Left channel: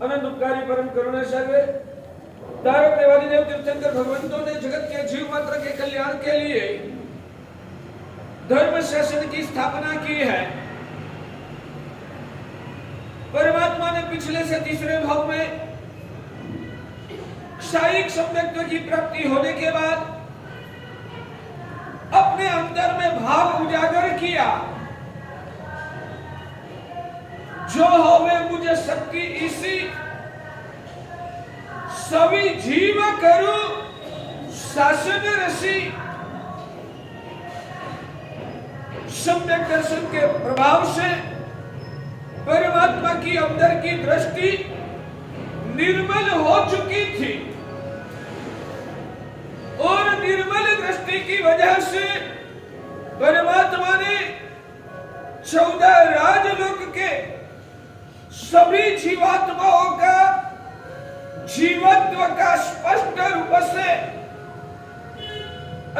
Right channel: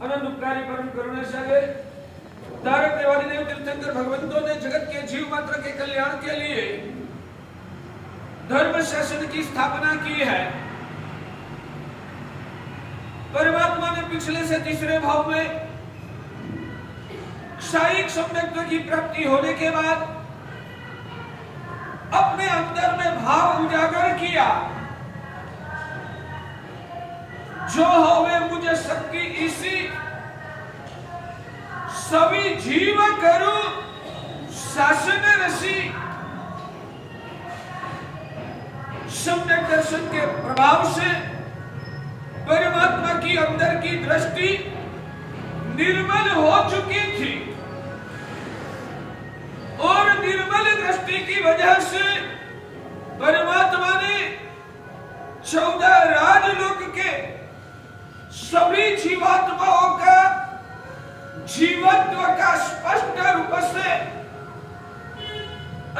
अनंत उपकारी परम करुणासागर तारक देवादी देव तीर्थंकर भगवंतों ने जगत के जीव मात्र के कल्याण के लिए धर्म शासन की स्थापना की है। परमात्मा ने पिछले से तीसरे भाव में क्षायिक सम्यक्त्व की प्राप्ति होने के बाद अपने अंतर में भाव उजागर किया, जो होवे मुझे शक्ति इसी सभी जीव करू शासन रसी। सम्यक दर्शन के प्रभाव से परमात्मा की अंदर की दृष्टि निर्मल हो चुकी थी और निर्मल दृष्टि की वजह से परमात्मा ने 14 राजलोक के सभी जीवात्माओं का जीवत्व का स्पष्ट रूप से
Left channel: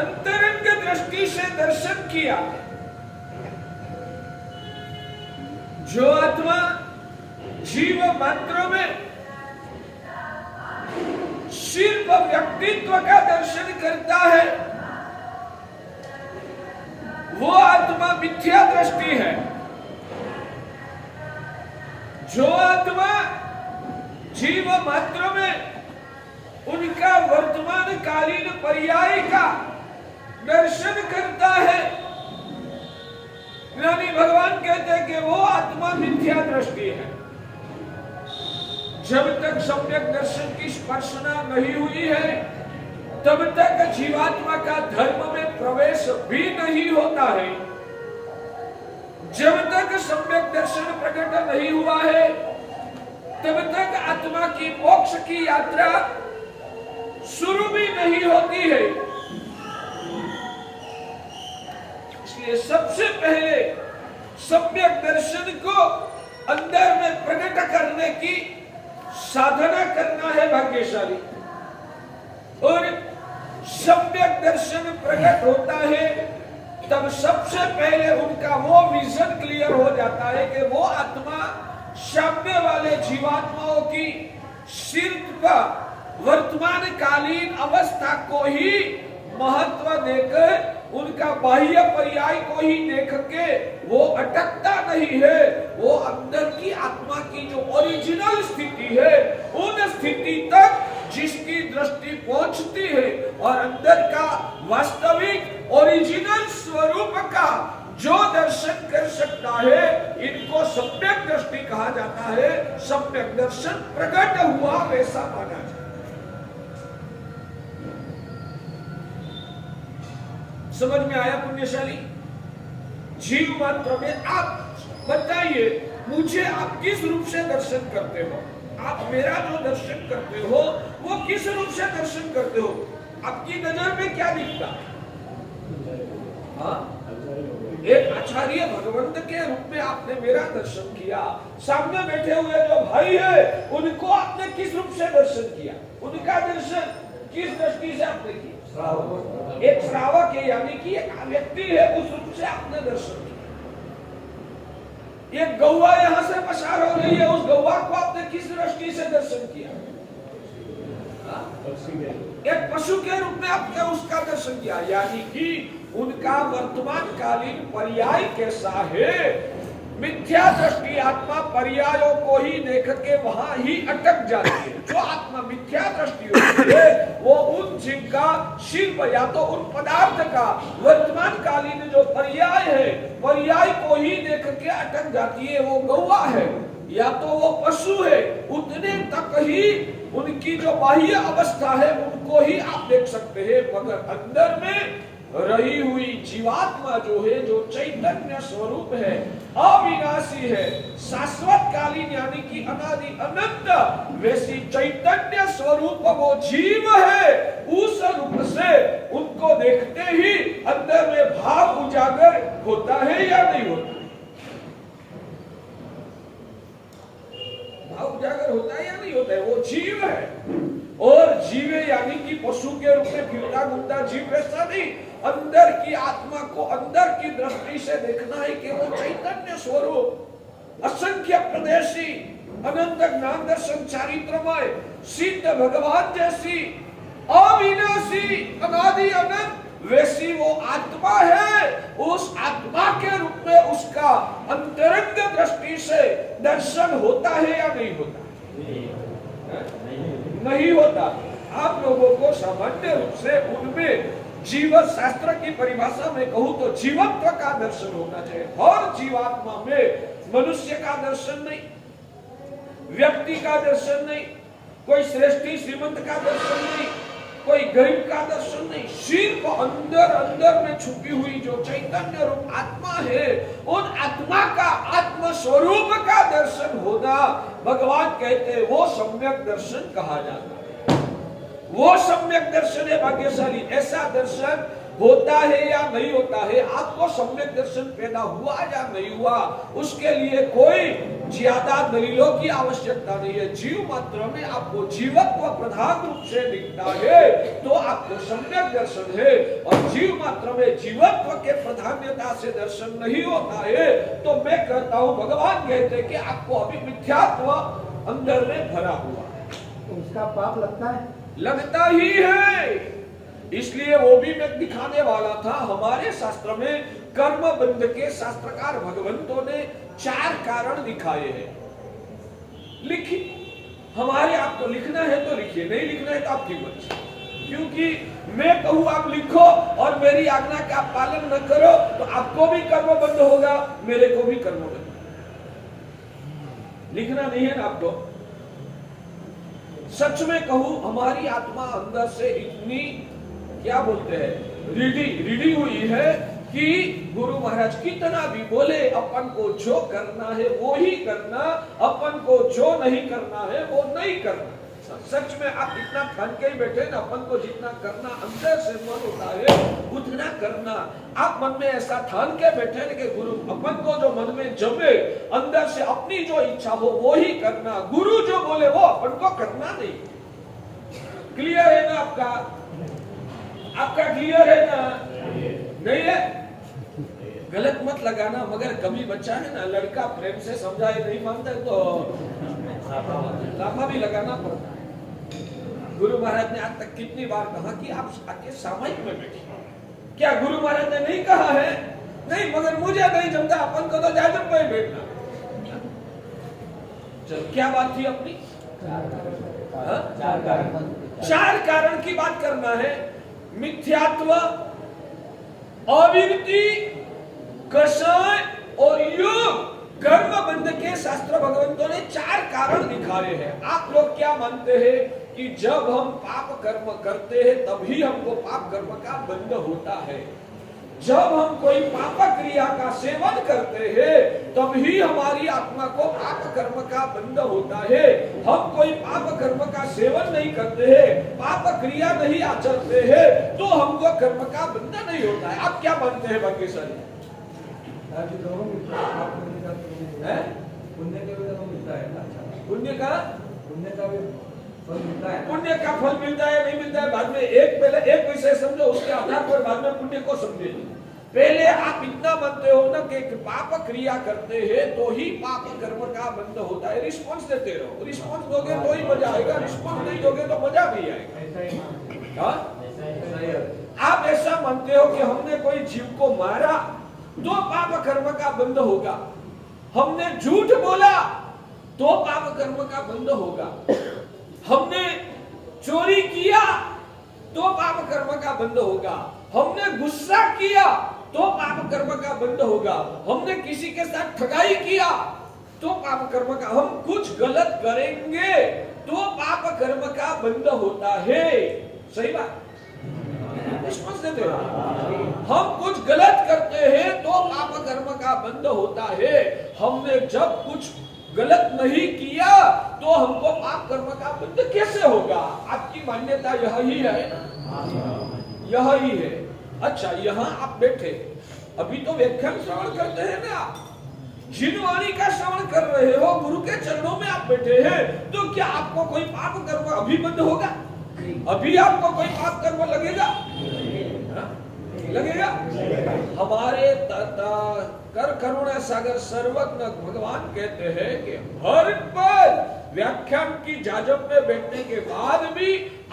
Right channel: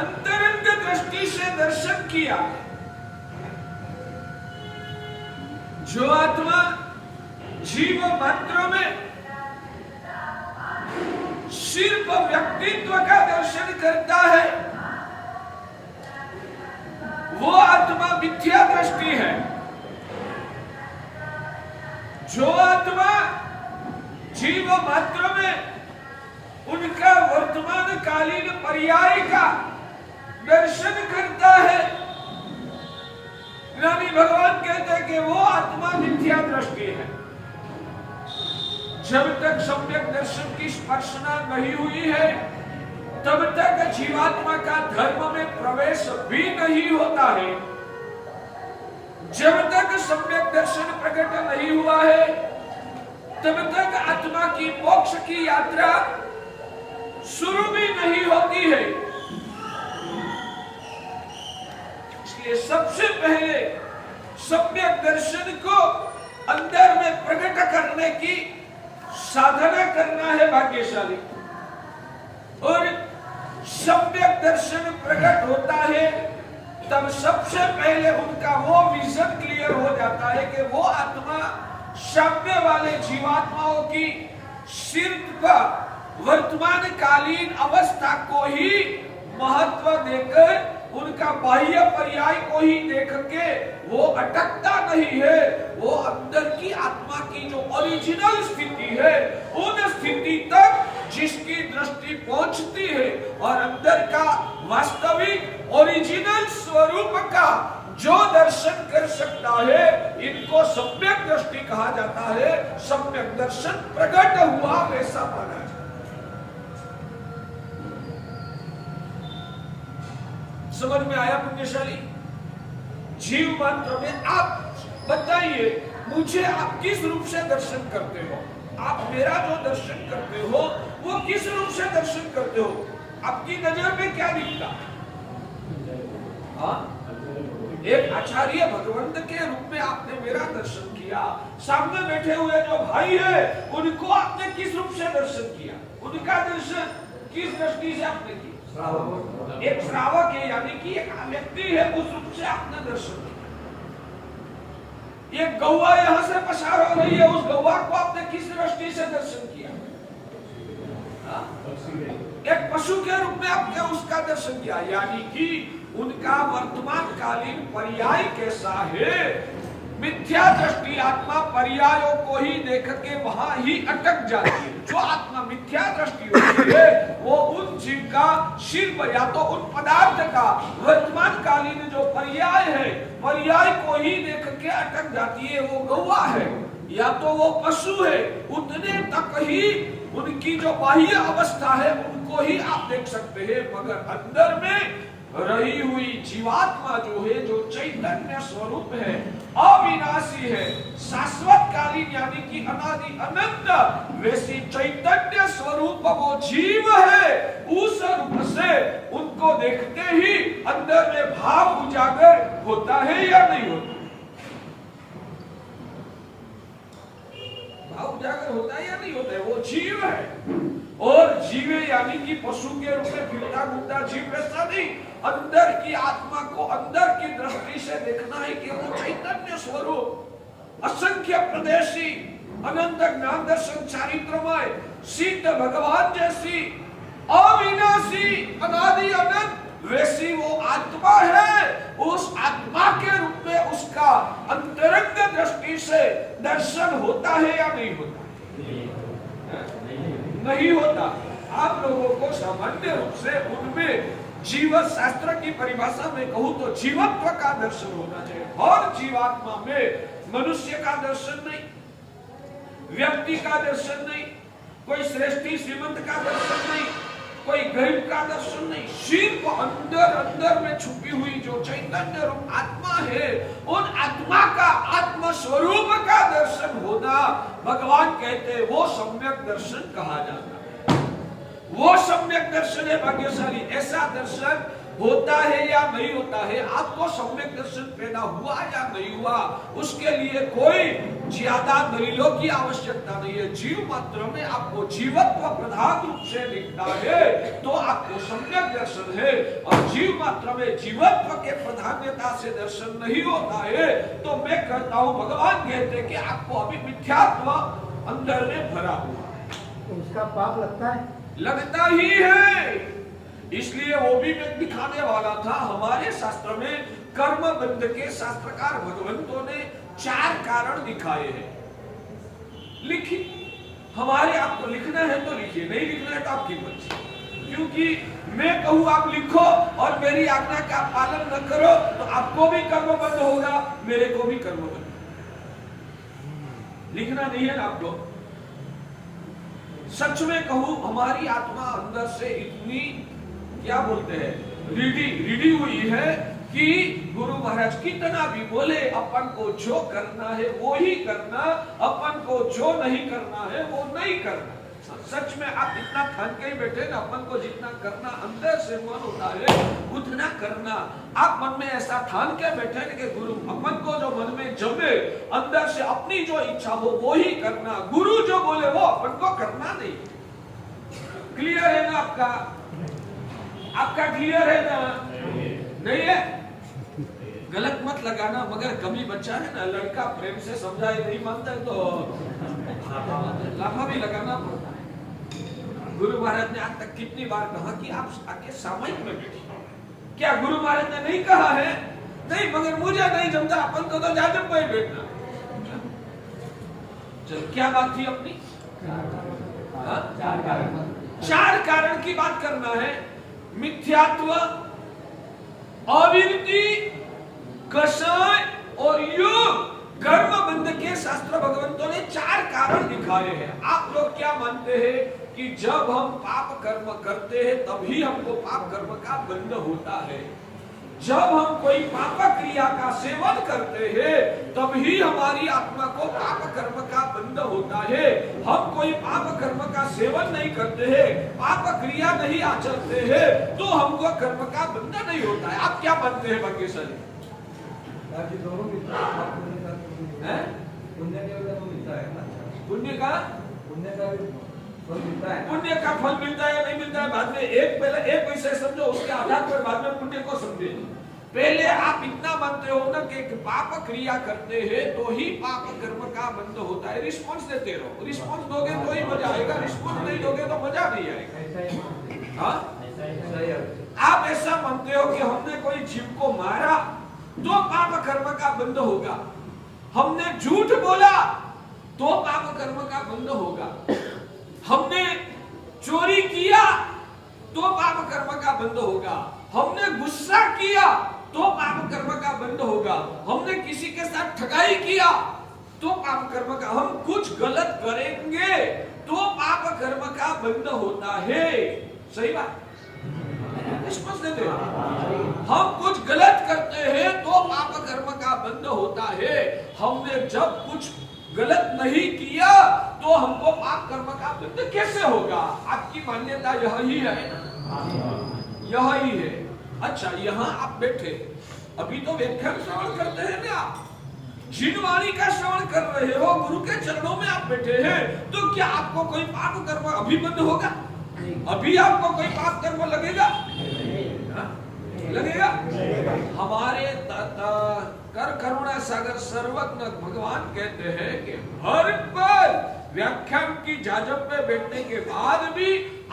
अंतरंग दृष्टि से दर्शन किया। जो आत्मा जीव मात्र में सिर्फ व्यक्तित्व का दर्शन करता है, वो आत्मा मिथ्या दृष्टि है। जो आत्मा जीव मात्र में उनका वर्तमान कालीन पर्याय का दर्शन करता है, ज्ञानी भगवान कहते हैं कि वो आत्मा मिथ्या दृष्टि है। जब तक सम्यक दर्शन की स्पर्शना नहीं हुई है तब तक जीवात्मा का धर्म में प्रवेश भी नहीं होता है। जब तक सम्यक दर्शन प्रकट नहीं हुआ है तब तक आत्मा की मोक्ष की यात्रा शुरू भी नहीं होती है। इसलिए सबसे पहले सम्यक दर्शन को अंदर में प्रकट करने की साधना करना है भाग्यशाली। और सम्यक दर्शन प्रकट होता है तब सबसे पहले उनका वो विजन क्लियर हो जाता है कि वो आत्मा साम्य वाले जीवात्माओं की सिर्फ वर्तमान कालीन अवस्था को ही महत्व देकर उनका बाह्य पर्याय को ही देख के वो अटकता नहीं है। वो अंदर की आत्मा की जो ओरिजिनल स्थिति है उन स्थिति तक जिसकी दृष्टि पहुंचती है और अंदर का वास्तविक ओरिजिनल स्वरूप का जो दर्शन कर सकता है, इनको सम्यक दृष्टि कहा जाता है। सम्यक दर्शन प्रकट हुआ वैसा माना जाता है। समझ में आया पुण्यशाली? जीव मात्र में आप बताइए मुझे, आप किस रूप से दर्शन करते हो? आप मेरा जो दर्शन करते हो वो किस रूप से दर्शन करते हो? आपकी नजर में क्या दिखता? हाँ, एक आचार्य भगवंत के रूप में आपने मेरा दर्शन किया। सामने बैठे हुए जो भाई है उनको आपने किस रूप से दर्शन किया? उनका दर्शन किस दृष्टि से आपने किया? एक श्रावक है, यानी कि एक व्यक्ति है, उस रूप से आपने दर्शन किया। एक गौवा यहां से पसार हो रही है, उस गौवा को आपने किस दृष्टि से दर्शन किया? एक पशु के रूप में आपने उसका दर्शन किया, यानी कि उनका वर्तमान कालीन पर्याय कैसा है? मिथ्या दृष्टि आत्मा पर्यायों को ही देख के वहां ही अटक जाती है। जो आत्मा मिथ्या दृष्टि होती है वो उन जीव का शिल्प या तो उन पदार्थ का वर्तमान कालीन जो पर्याय है, पर्याय को ही देख के अटक जाती है। वो गौवा है या तो वो पशु है, उतने तक ही उनकी जो बाह्य अवस्था है उनको ही आप देख सकते हैं। मगर अंदर में रही हुई जीवात्मा जो है, जो चैतन्य स्वरूप है, अविनाशी है, शाश्वत कालीन यानी कि अनादि अनंत, वैसी चैतन्य स्वरूप वो जीव है। उस रूप से उनको देखते ही अंदर में भाव उजागर होता है या नहीं होता? भाव उजागर होता है या नहीं होता है? वो जीव है। और जीवे यानी कि पशु के रूप में फिरता घूमता जीव वैसा नहीं। अंदर की आत्मा को अंदर की दृष्टि से देखना है कि वो चैतन्य स्वरूप, असंख्य प्रदेशी, अनंत ज्ञान दर्शन चारित्रमय सिद्ध भगवान जैसी अविनाशी अनादि अनंत वैसी वो आत्मा है। उस आत्मा के रूप में उसका अंतरंग दृष्टि से दर्शन होता है या नहीं होता? नहीं होता। आप लोगों को सामान्य रूप से उनमें जीवन शास्त्र की परिभाषा में कहूं तो जीवत्व का दर्शन होना चाहिए। और जीवात्मा में मनुष्य का दर्शन नहीं, व्यक्ति का दर्शन नहीं, कोई श्रेष्ठी श्रीमंत का दर्शन नहीं, कोई गरीब का दर्शन नहीं। सिर्फ अंदर अंदर में छुपी हुई जो चैतन्य रूप आत्मा है, उन आत्मा का आत्म स्वरूप का दर्शन होना भगवान कहते हैं वो सम्यक दर्शन कहा जाता है। वो सम्यक दर्शन है भाग्यशाली। ऐसा दर्शन होता है या नहीं होता है? आपको सम्यक दर्शन पैदा हुआ या नहीं हुआ, उसके लिए कोई ज्यादा दलीलों की आवश्यकता नहीं है। जीव मात्र में आपको जीवत्व प्रधान रूप से दिखता है तो आपको सम्यक दर्शन है। और जीव मात्र में जीवत्व के प्राधान्यता से दर्शन नहीं होता है तो मैं कहता हूँ भगवान कहते कि आपको अभी मिथ्यात्व अंदर में भरा हुआ, तो उसका पाप लगता है? लगता ही है। इसलिए वो भी मैं दिखाने वाला था। हमारे शास्त्र में कर्म बंध के शास्त्रकार भगवंतों ने 4 कारण दिखाए हैं। लिखिए, हमारे आपको लिखना है तो लिखिए, नहीं लिखना है तो आपकी मर्जी। क्योंकि मैं कहूँ आप लिखो और मेरी आज्ञा का पालन न करो तो आपको भी कर्म बंध होगा, मेरे को भी कर्म बंध। लिखना नहीं है ना आपको। सच में कहूं हमारी आत्मा अंदर से इतनी क्या बोलते हैं रीढ़ी हुई है कि गुरु महाराज कितना भी बोले अपन को जो करना है वो ही करना, अपन को जो नहीं करना है वो नहीं करना। सच में आप इतना ठान के ही बैठे ना, अपन को जितना करना अंदर से मन होता है उतना करना। आप मन में ऐसा ठान के बैठे कि गुरु अपन को जो मन में जमे अंदर से अपनी जो इच्छा हो वो ही करना, गुरु जो बोले वो अपन को करना नहीं। क्लियर है ना आपका? आपका क्लियर है ना? नहीं है? गलत मत लगाना। मगर कभी बच्चा है ना, लड़का प्रेम से समझाए नहीं मानते तो लाफा भी लगाना पड़ता है। गुरु महाराज ने आज तक कितनी बार कहा कि आप आके सामायिक में बैठिए। क्या गुरु महाराज ने नहीं कहा है? नहीं, मगर मुझे नहीं जमता, अपन तो जादू पे बैठना। चल क्या बात थी अपनी? 4 कारण की बात करना है। मिथ्यात्व, अविद्ति, कषाय और योग। कर्म बंध के शास्त्र भगवंतों ने 4 कारण दिखाए हैं। आप लोग क्या मानते हैं कि जब हम पाप कर्म करते हैं तभी हमको पाप कर्म का बंध होता है? जब हम कोई पाप क्रिया का सेवन करते हैं तभी हमारी आत्मा को पाप कर्म का बंध होता है। हम कोई पाप कर्म का सेवन नहीं करते हैं, पाप क्रिया नहीं आचरते हैं तो हमको कर्म का बंध नहीं होता है। आप क्या मानते हैं भाग्यशाली? दोनों मिलता है। पुण्य का फल मिलता है नहीं मिलता है बाद में। एक विषय समझो, उसके आधार पर बाद में पुण्य को समझे। पहले आप इतना मानते हो ना कि पाप क्रिया करते हैं तो ही पाप कर्म का बंध होता है। रिस्पॉन्स देते रहो, रिस्पॉन्स दोगे तो ही मजा आएगा, रिस्पॉन्स नहीं दोगे तो मजा नहीं आएगा। हाँ, आप ऐसा मानते हो कि हमने कोई जीव को मारा तो पाप कर्म का बंध होगा, हमने झूठ बोला तो पाप कर्म का बंध होगा, हमने चोरी किया तो पाप कर्म का बंध होगा, हमने गुस्सा किया तो पाप कर्म का बंध होगा, हमने किसी के साथ ठगाई किया तो पाप कर्म का, हम कुछ गलत करेंगे तो पाप कर्म का बंध होता है। सही बात? स्पष्ट देते हम कुछ गलत करते हैं तो पाप कर्म का बंध होता है। हमने जब कुछ गलत नहीं किया तो हमको पाप कर्म का बंध कैसे होगा? आपकी मान्यता यही है, यही है। अच्छा, यहाँ आप बैठे अभी तो व्याख्यान श्रवण करते हैं ना, जिनवाणी का श्रवण कर रहे हो, गुरु के चरणों में आप बैठे हैं, तो क्या आपको कोई पाप कर्म अभी बंद होगा? अभी आपको कोई पाप कर्म लगेगा? लगेगा? हमारे कर करुणा सागर सर्वज्ञ भगवान कहते हैं कि हर पल व्याख्यान की जाजब में बैठने के बाद भी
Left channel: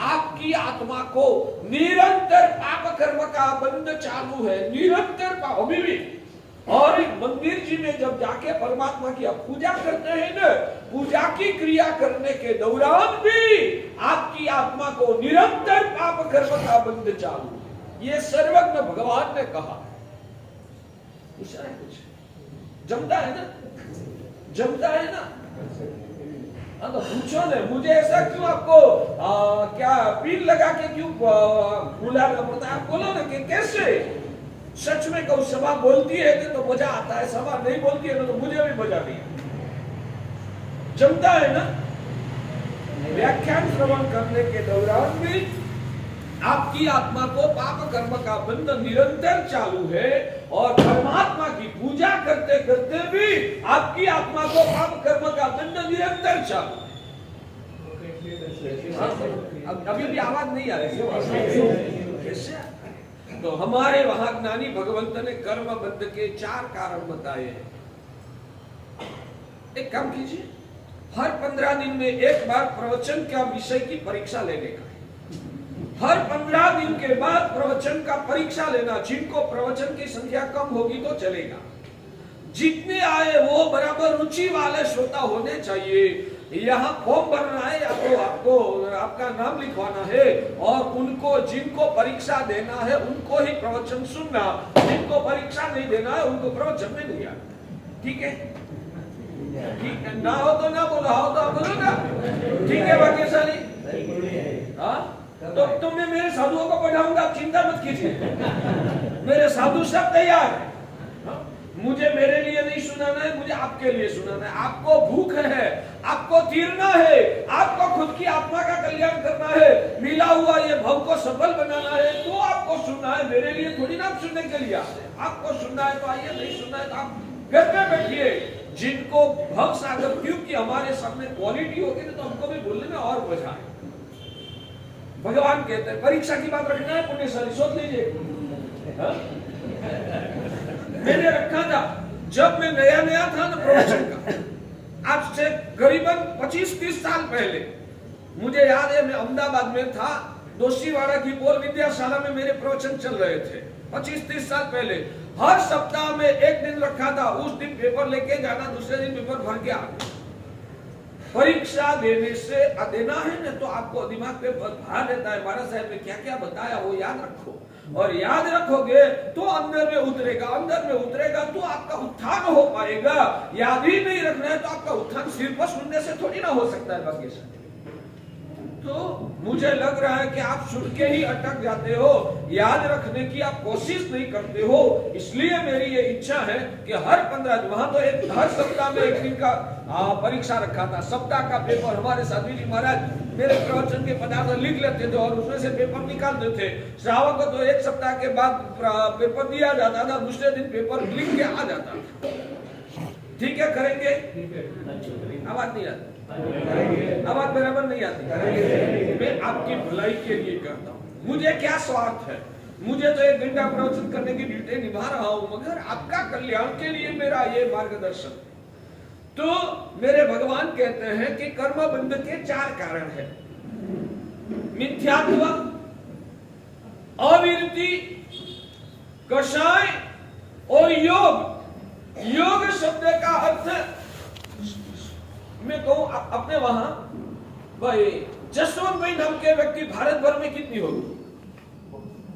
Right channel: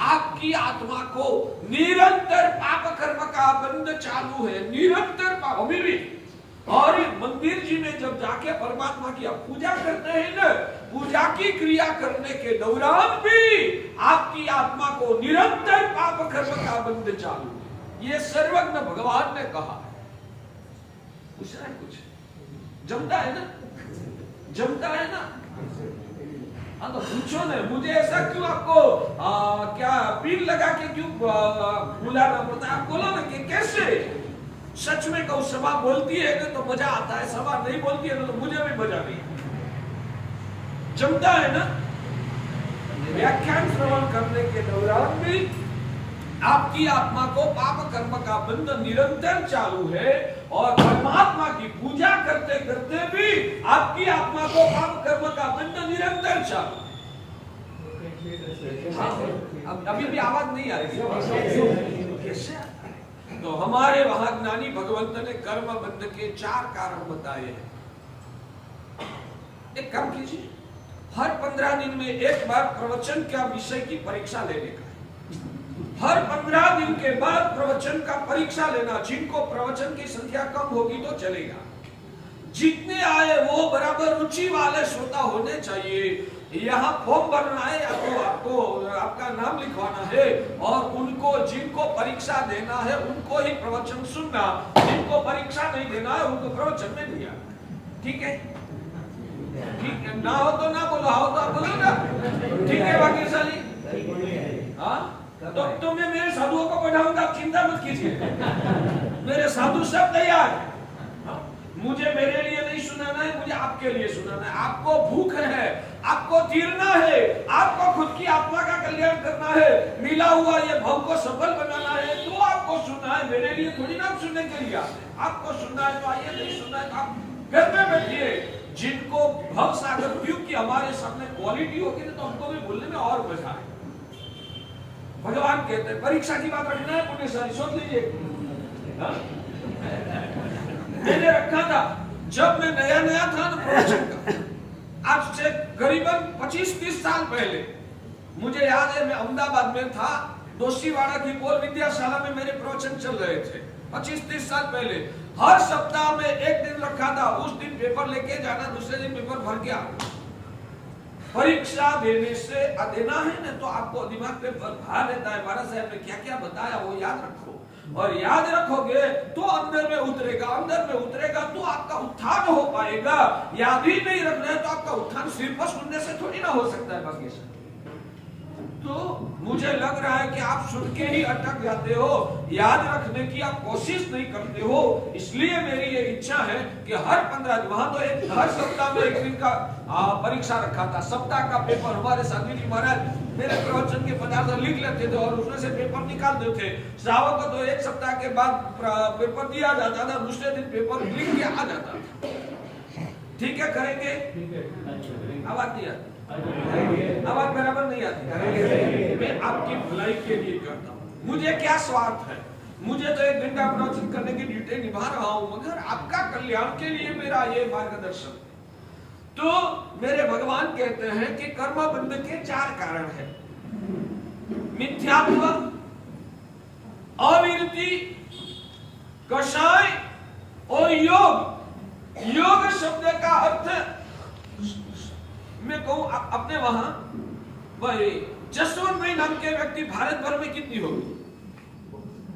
आपकी आत्मा को निरंतर पाप कर्म का बंध चालू है, निरंतर पाप अभी भी। और मंदिर जी में जब जाके परमात्मा की पूजा करते हैं ना, पूजा की क्रिया करने के दौरान भी आपकी आत्मा को निरंतर पाप कर्म का बंध चालू है। ये सर्वज्ञ भगवान ने कहा। पूछना है कुछ? जमता है ना? जमता है ना? हाँ तो पूछो ना, मुझे ऐसा क्यों आपको क्या पील लगा के क्यों बुलाना पड़ता है? आप बोलो ना कि कैसे। सच में कहूं, सभा बोलती है ना तो मजा आता है, सभा नहीं बोलती है ना तो मुझे भी मजा नहीं। जमता है ना? व्याख्यान श्रवण करने के दौरान भी आपकी आत्मा को पाप कर्म का बंध निरंतर चालू है, और परमात्मा की पूजा करते करते भी आपकी आत्मा को पाप कर्म का बंध निरंतर चालू है। अभी भी आवाज नहीं आ रही कैसे? तो हमारे वहां ज्ञानी भगवंत ने कर्म बंध के 4 कारण बताए हैं। एक काम कीजिए, हर 15 दिन में एक बार प्रवचन का विषय की परीक्षा लेने का। हर 15 दिन के बाद प्रवचन का परीक्षा लेना। जिनको प्रवचन की संख्या कम होगी तो चलेगा, जितने आए वो बराबर रुचि वाले श्रोता होने चाहिए। यहाँ फॉर्म भरना है या तो आपको आपका नाम लिखवाना है, और उनको जिनको परीक्षा देना है उनको ही प्रवचन सुनना, जिनको परीक्षा नहीं देना है उनको प्रवचन नहीं दिया। ठीक है? ठीक है, ना हो तो ना बोला, हो तो बोलो ना। ठीक है भाग्यशाली? हाँ, तो मैं मेरे साधुओं को पढ़ाऊंगा, चिंता मत कीजिए। मेरे साधु सब तैयार है। मुझे मेरे लिए नहीं सुनाना है, मुझे आपके लिए सुनाना है। आपको भूख है, आपको तीरना है, आपको खुद की आत्मा का कल्याण करना है, मिला हुआ ये भव को सफल बनाना है, तो आपको सुनना है। मेरे लिए थोड़ी ना सुनने के लिए आपको सुनना है तो आइए, नहीं सुनना है तो आप घर में बैठिए। जिनको भव सागर, क्योंकि हमारे सामने क्वालिटी होगी तो हमको भी बोलने में और मजा है। भगवान कहते हैं परीक्षा की बात रखना है, पुण्यशाली सोच लीजिए। मैंने रखा था जब मैं नया था ना प्रवचन का, आज से करीबन 25-30 साल पहले। मुझे याद है मैं अहमदाबाद में था, दोशीवाड़ा की बोल विद्याशाला में मेरे प्रवचन चल रहे थे 25-30 साल पहले। हर सप्ताह में एक दिन रखा था, उस दिन पेपर लेके जाना, दूसरे दिन पेपर भर के आना। परीक्षा देने से देना है ना तो आपको दिमाग पे भार रहता है, महाराज साहब ने क्या क्या बताया वो याद रखो, और याद रखोगे तो अंदर में उतरेगा, अंदर में उतरेगा तो आपका उत्थान हो पाएगा। याद ही नहीं रखना है तो आपका उत्थान सिर्फ सुनने से थोड़ी ना हो सकता है भाग्य से। तो मुझे लग रहा है कि आप सुन के ही अटक जाते हो, याद रखने की आप कोशिश नहीं करते हो। इसलिए मेरी ये इच्छा है कि हर 15 दिन, वहां तो हर सप्ताह में एक दिन का परीक्षा रखा था, सप्ताह का पेपर। हमारे स्वामी जी महाराज मेरे प्रवचन के पदार्थ लिख लेते थे और उसमें से पेपर निकाल देते। श्रावक को तो एक सप्ताह के बाद पेपर दिया जाता था, दूसरे दिन पेपर लिख के आ जाता था। ठीक है, करेंगे? आवाज नहीं आती, आवाज बराबर नहीं आती। मैं आपकी भलाई के लिए करता हूँ, मुझे क्या स्वार्थ है। मुझे तो 1 घंटा प्रवचन करने की ड्यूटी निभा रहा हूँ, मगर आपका कल्याण के लिए मेरा ये मार्गदर्शन। तो मेरे भगवान कहते हैं कि कर्म बंध के 4 कारण है। मिथ्यात्व, अविरति, कषाय और योग। योग शब्द का अर्थ मैं कहूं अपने वहां भाई जसवंत भाई नाम के व्यक्ति भारत भर में कितनी होगी?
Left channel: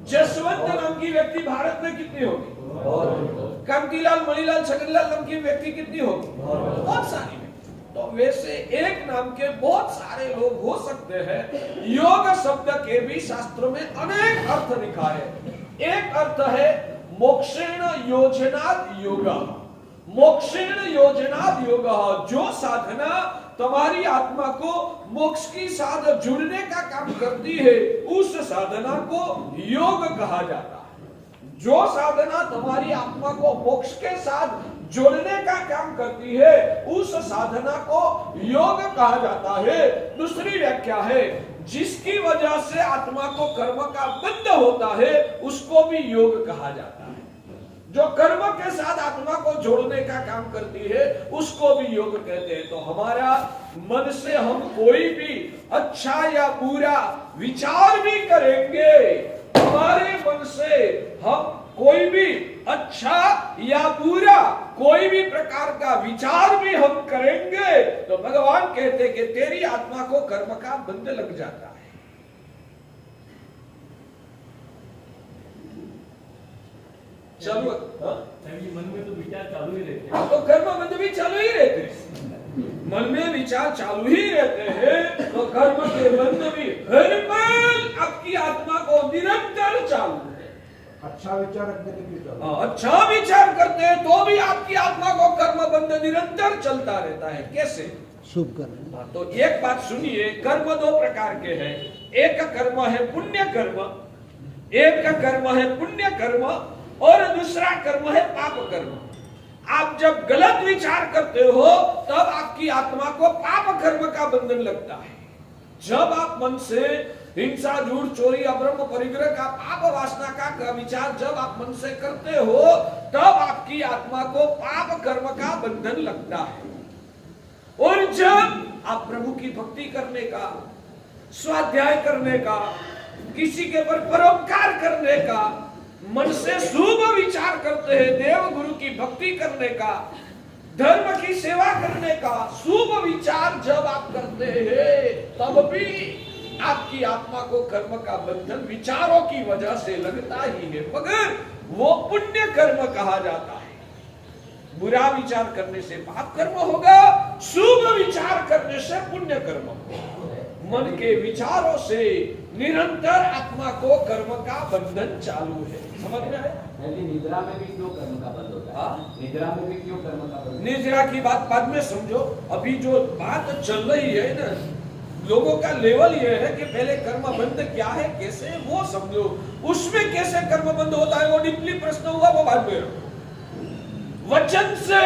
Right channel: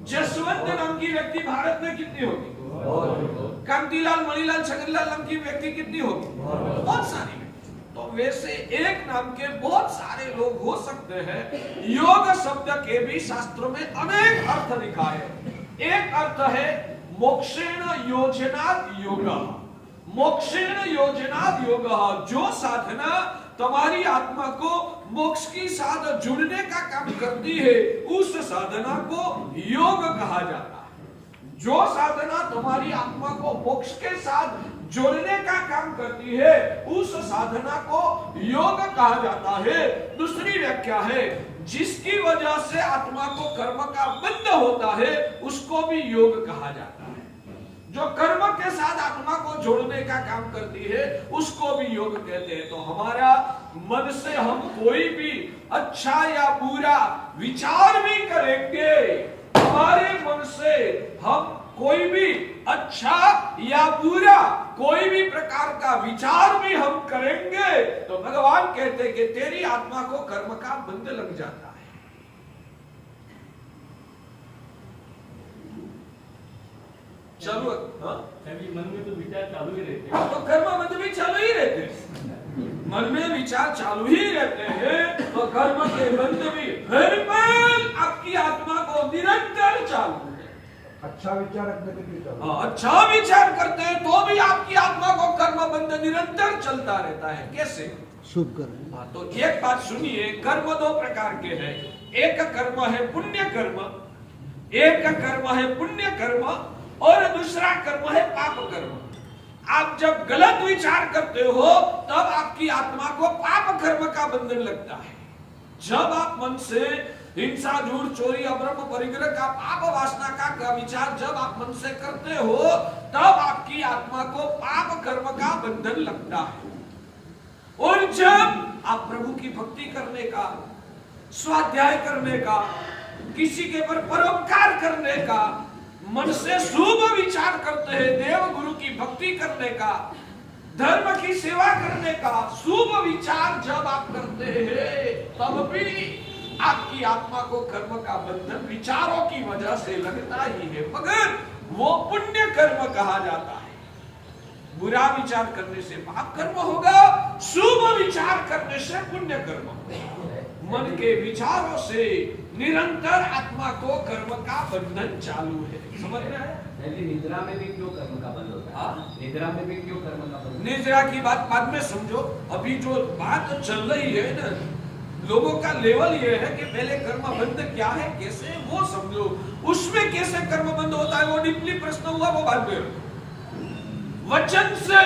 जसवंत नाम की व्यक्ति भारत में कितनी होगी? कांतिलाल, मणिलाल, छगनलाल नाम की व्यक्ति कितनी होगी? बहुत सारी। तो वैसे एक नाम के बहुत सारे लोग हो सकते हैं। योग शब्द के भी शास्त्रों में अनेक अर्थ लिखा है। एक अर्थ है मोक्षेण योजनाद योगा। मोक्षेण योजनाद योगा, जो साधना तुम्हारी आत्मा को मोक्ष की साथ जुड़ने का काम करती है, उस साधना को योग कहा जाता है। जो साधना तुम्हारी आत्मा को मोक्ष के साथ जोड़ने का काम करती है, उस साधना को योग कहा जाता है। दूसरी व्याख्या है, जिसकी वजह से आत्मा को कर्म का बंध होता है, उसको भी योग कहा जाता है। जो कर्म के साथ आत्मा को जोड़ने का काम करती है, उसको भी योग कहते हैं। तो हमारा मन से हम कोई भी अच्छा या बुरा विचार भी करेंगे, हमारे मन से हम कोई भी अच्छा या बुरा कोई भी प्रकार का विचार भी हम करेंगे, तो भगवान कहते कि तेरी आत्मा को कर्म का बंध लग जाता है। चलो मन में तो विचार चालू ही रहते हैं, तो कर्म बंध भी चालू ही रहते हैं। मन में विचार चालू ही रहते हैं, तो कर्म के बंध भी हर पल आपकी आत्मा को निरंतर चालू है। अच्छा विचार रखने के लिए अच्छा विचार करते हैं तो भी आपकी आत्मा को कर्म बंध निरंतर चलता रहता है। कैसे? शुभ कर्म। तो एक बात सुनिए, कर्म दो प्रकार के हैं। एक कर्म है पुण्य कर्म, एक कर्म है पुण्य कर्म, और दूसरा कर्म है पाप कर्म। आप जब गलत विचार करते हो तब आपकी आत्मा को पाप कर्म का बंधन लगता है। जब आप मन से हिंसा, झूठ, चोरी, अब्रह्म परिग्रह का पाप वासना का विचार जब आप मन से करते हो, तब आपकी आत्मा को पाप कर्म का बंधन लगता है। और जब आप प्रभु की भक्ति करने का, स्वाध्याय करने का, किसी के पर परोपकार करने का, मन से शुभ विचार करते हैं, देव गुरु की भक्ति करने का, धर्म की सेवा करने का शुभ विचार जब आप करते हैं, तब भी आपकी आत्मा को कर्म का बंधन विचारों की वजह से लगता ही है, मगर वो पुण्य कर्म कहा जाता है। बुरा विचार करने से पाप कर्म होगा, शुभ विचार करने से पुण्य कर्म होगा। मन के विचारों से निरंतर आत्मा को कर्म का बंधन चालू है। समझ में आया? निद्रा में भी क्यों कर्म का बंध होता है? निद्रा में भी क्यों कर्म का बंध? निद्रा की बात बाद में समझो, अभी जो बात चल रही है ना, लोगों का लेवल ये है कि पहले कर्म बंध क्या है, कैसे, वो समझो। उसमें कैसे कर्म बंध होता है वो निपली प्रश्न हुआ, वो बाद में। वचन से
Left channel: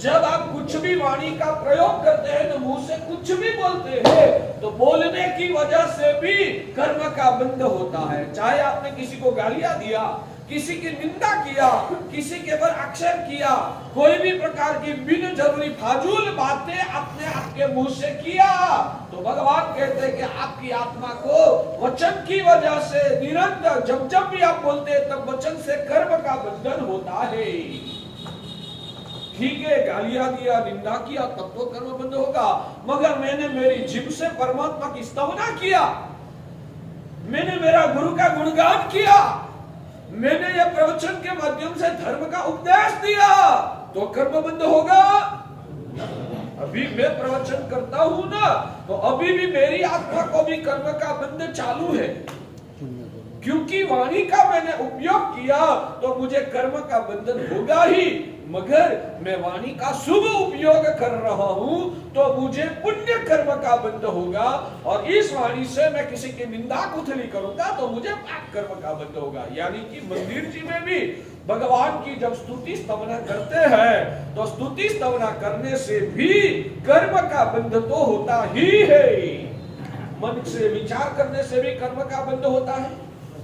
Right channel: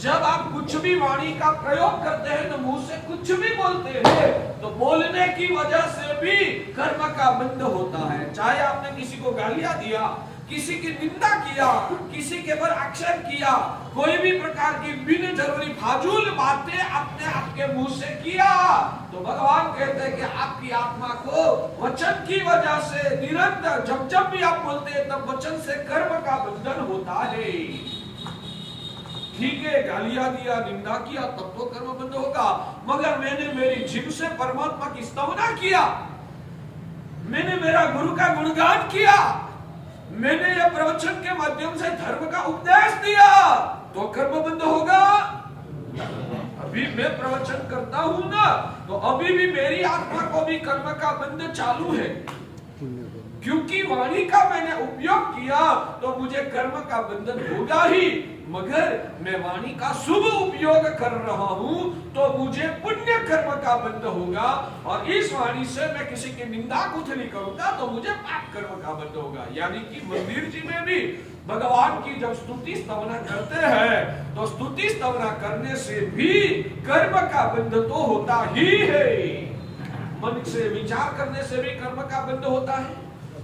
जब आप कुछ भी वाणी का प्रयोग करते हैं तो मुंह से कुछ भी बोलते हैं, तो बोलने की वजह से भी कर्म का बंध होता है। चाहे आपने किसी को गालियां दिया, किसी की निंदा किया, किसी के पर आक्षेप किया, कोई भी प्रकार की बिन जरूरी फाजूल बातें आपने आपके मुंह से किया, तो भगवान कहते हैं कि आपकी आत्मा को वचन की वजह से निरंतर जब भी आप बोलते हैं तब वचन से कर्म का बंधन होता है। ठीक है, गालियां दिया, निंदा किया, तब तो कर्म बंद होगा, मगर मैंने मेरी जीभ से परमात्मा की स्तवना किया, मैंने मेरा गुरु का गुणगान किया, मैंने यह प्रवचन के माध्यम से धर्म का उपदेश दिया, तो कर्म बंद होगा। अभी मैं प्रवचन करता हूं ना, तो अभी भी मेरी आत्मा को भी कर्म का बंध चालू है, क्योंकि वाणी का मैंने उपयोग किया, तो मुझे कर्म का बंधन होगा ही, मगर मैं वाणी का शुभ उपयोग कर रहा हूं तो मुझे पुण्य कर्म का बंध होगा, और इस वाणी से मैं किसी की निंदा कुथली करूंगा तो मुझे पाप कर्म का बंध होगा। यानी कि मंदिर जी में भी भगवान की जब स्तुति स्तवना करते हैं तो स्तुति स्तवना करने से भी कर्म का बंध तो होता ही है। मन से विचार करने से भी कर्म का बंध होता है,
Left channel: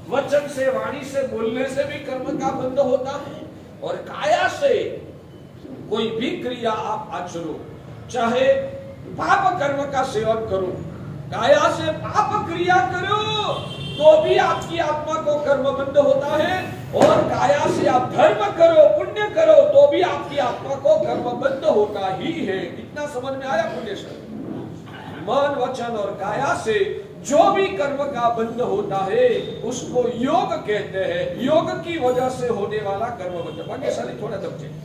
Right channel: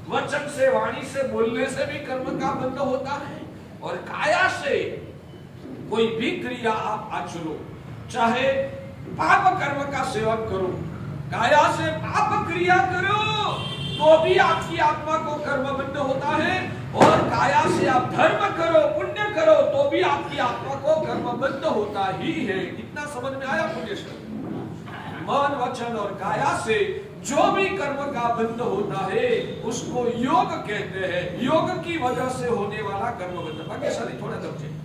वचन से, वाणी से बोलने से भी कर्म का बंध होता है, और काया से कोई भी क्रिया आप आचरो, चाहे पाप कर्म का सेवन करो, काया से पाप क्रिया करो, तो भी आपकी आत्मा को कर्म बंध होता है, और काया से आप धर्म करो, पुण्य करो, तो भी आपकी आत्मा को कर्म बंध होता ही है। कितना समझ में आया पुण्येश्वर? मन, वचन और काया से जो भी कर्म का बंध होता है उसको योग कहते हैं। योग की वजह से होने वाला कर्म बंध। भाग्यशाली थोड़ा दब से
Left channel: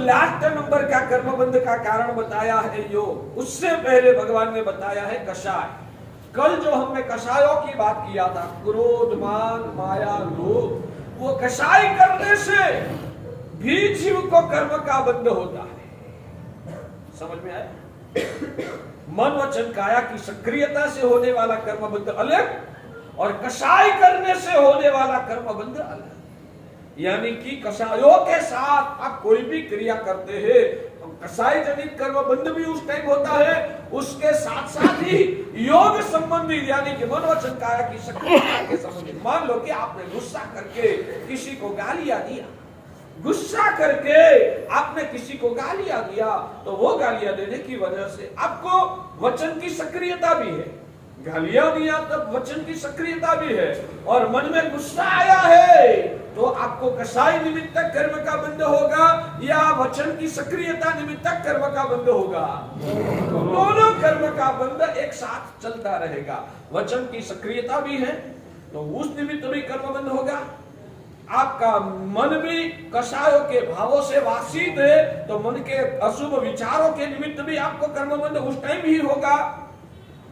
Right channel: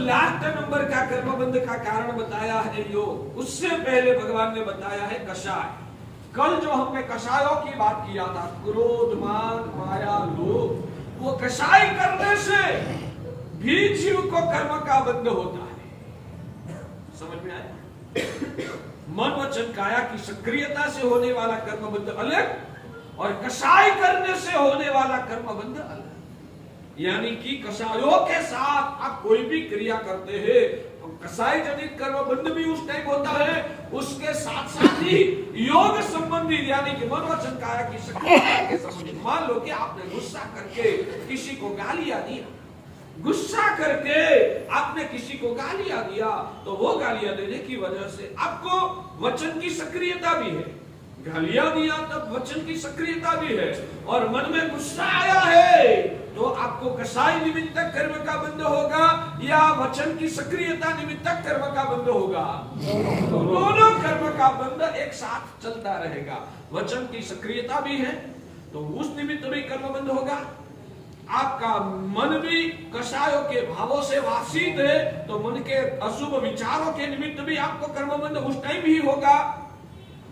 लास्ट नंबर का कर्मबंध का कारण बताया है योग। उससे पहले भगवान ने बताया है कषाय। कल जो हमने कषायों की बात किया था, क्रोध, मान, माया, लोभ, वो कषाय करने से भी जीव को कर्म का बंध होता है। समझ में आया? मन, वचन, काया की सक्रियता से होने वाला कर्म बंध अलग, और कसाई करने से होने वाला कर्मबंध अलग। यानी कि कसायों के साथ आप कोई भी क्रिया करते हैं तो कसाई जनित कर्मबंध भी उस टाइम होता है, उसके साथ साथ ही योग संबंधी यानी कि मन वचन काया की शक्ति के संबंधी। मान लो कि आपने गुस्सा करके किसी को गालियां दिया, गुस्सा करके आपने किसी को गालियां दिया, तो वो गालियां देने की वजह से आपको वचन की सक्रियता भी है, गालियां दिया तब वचन की सक्रियता भी है, और मन में गुस्सा आया है तो आपको कसाई निमित्तक कर्म का बंध होगा या वचन की सक्रियता निमित्तक कर्म का बंध होगा। दोनों कर्म का बंध एक साथ चलता रहेगा। वचन की सक्रियता भी है तो उस निमित्त भी कर्म बंध होगा। आपका मन भी कसायों के भावों से वासित है तो मन के अशुभ विचारों के निमित्त भी आपको कर्मबंध उस टाइम ही होगा।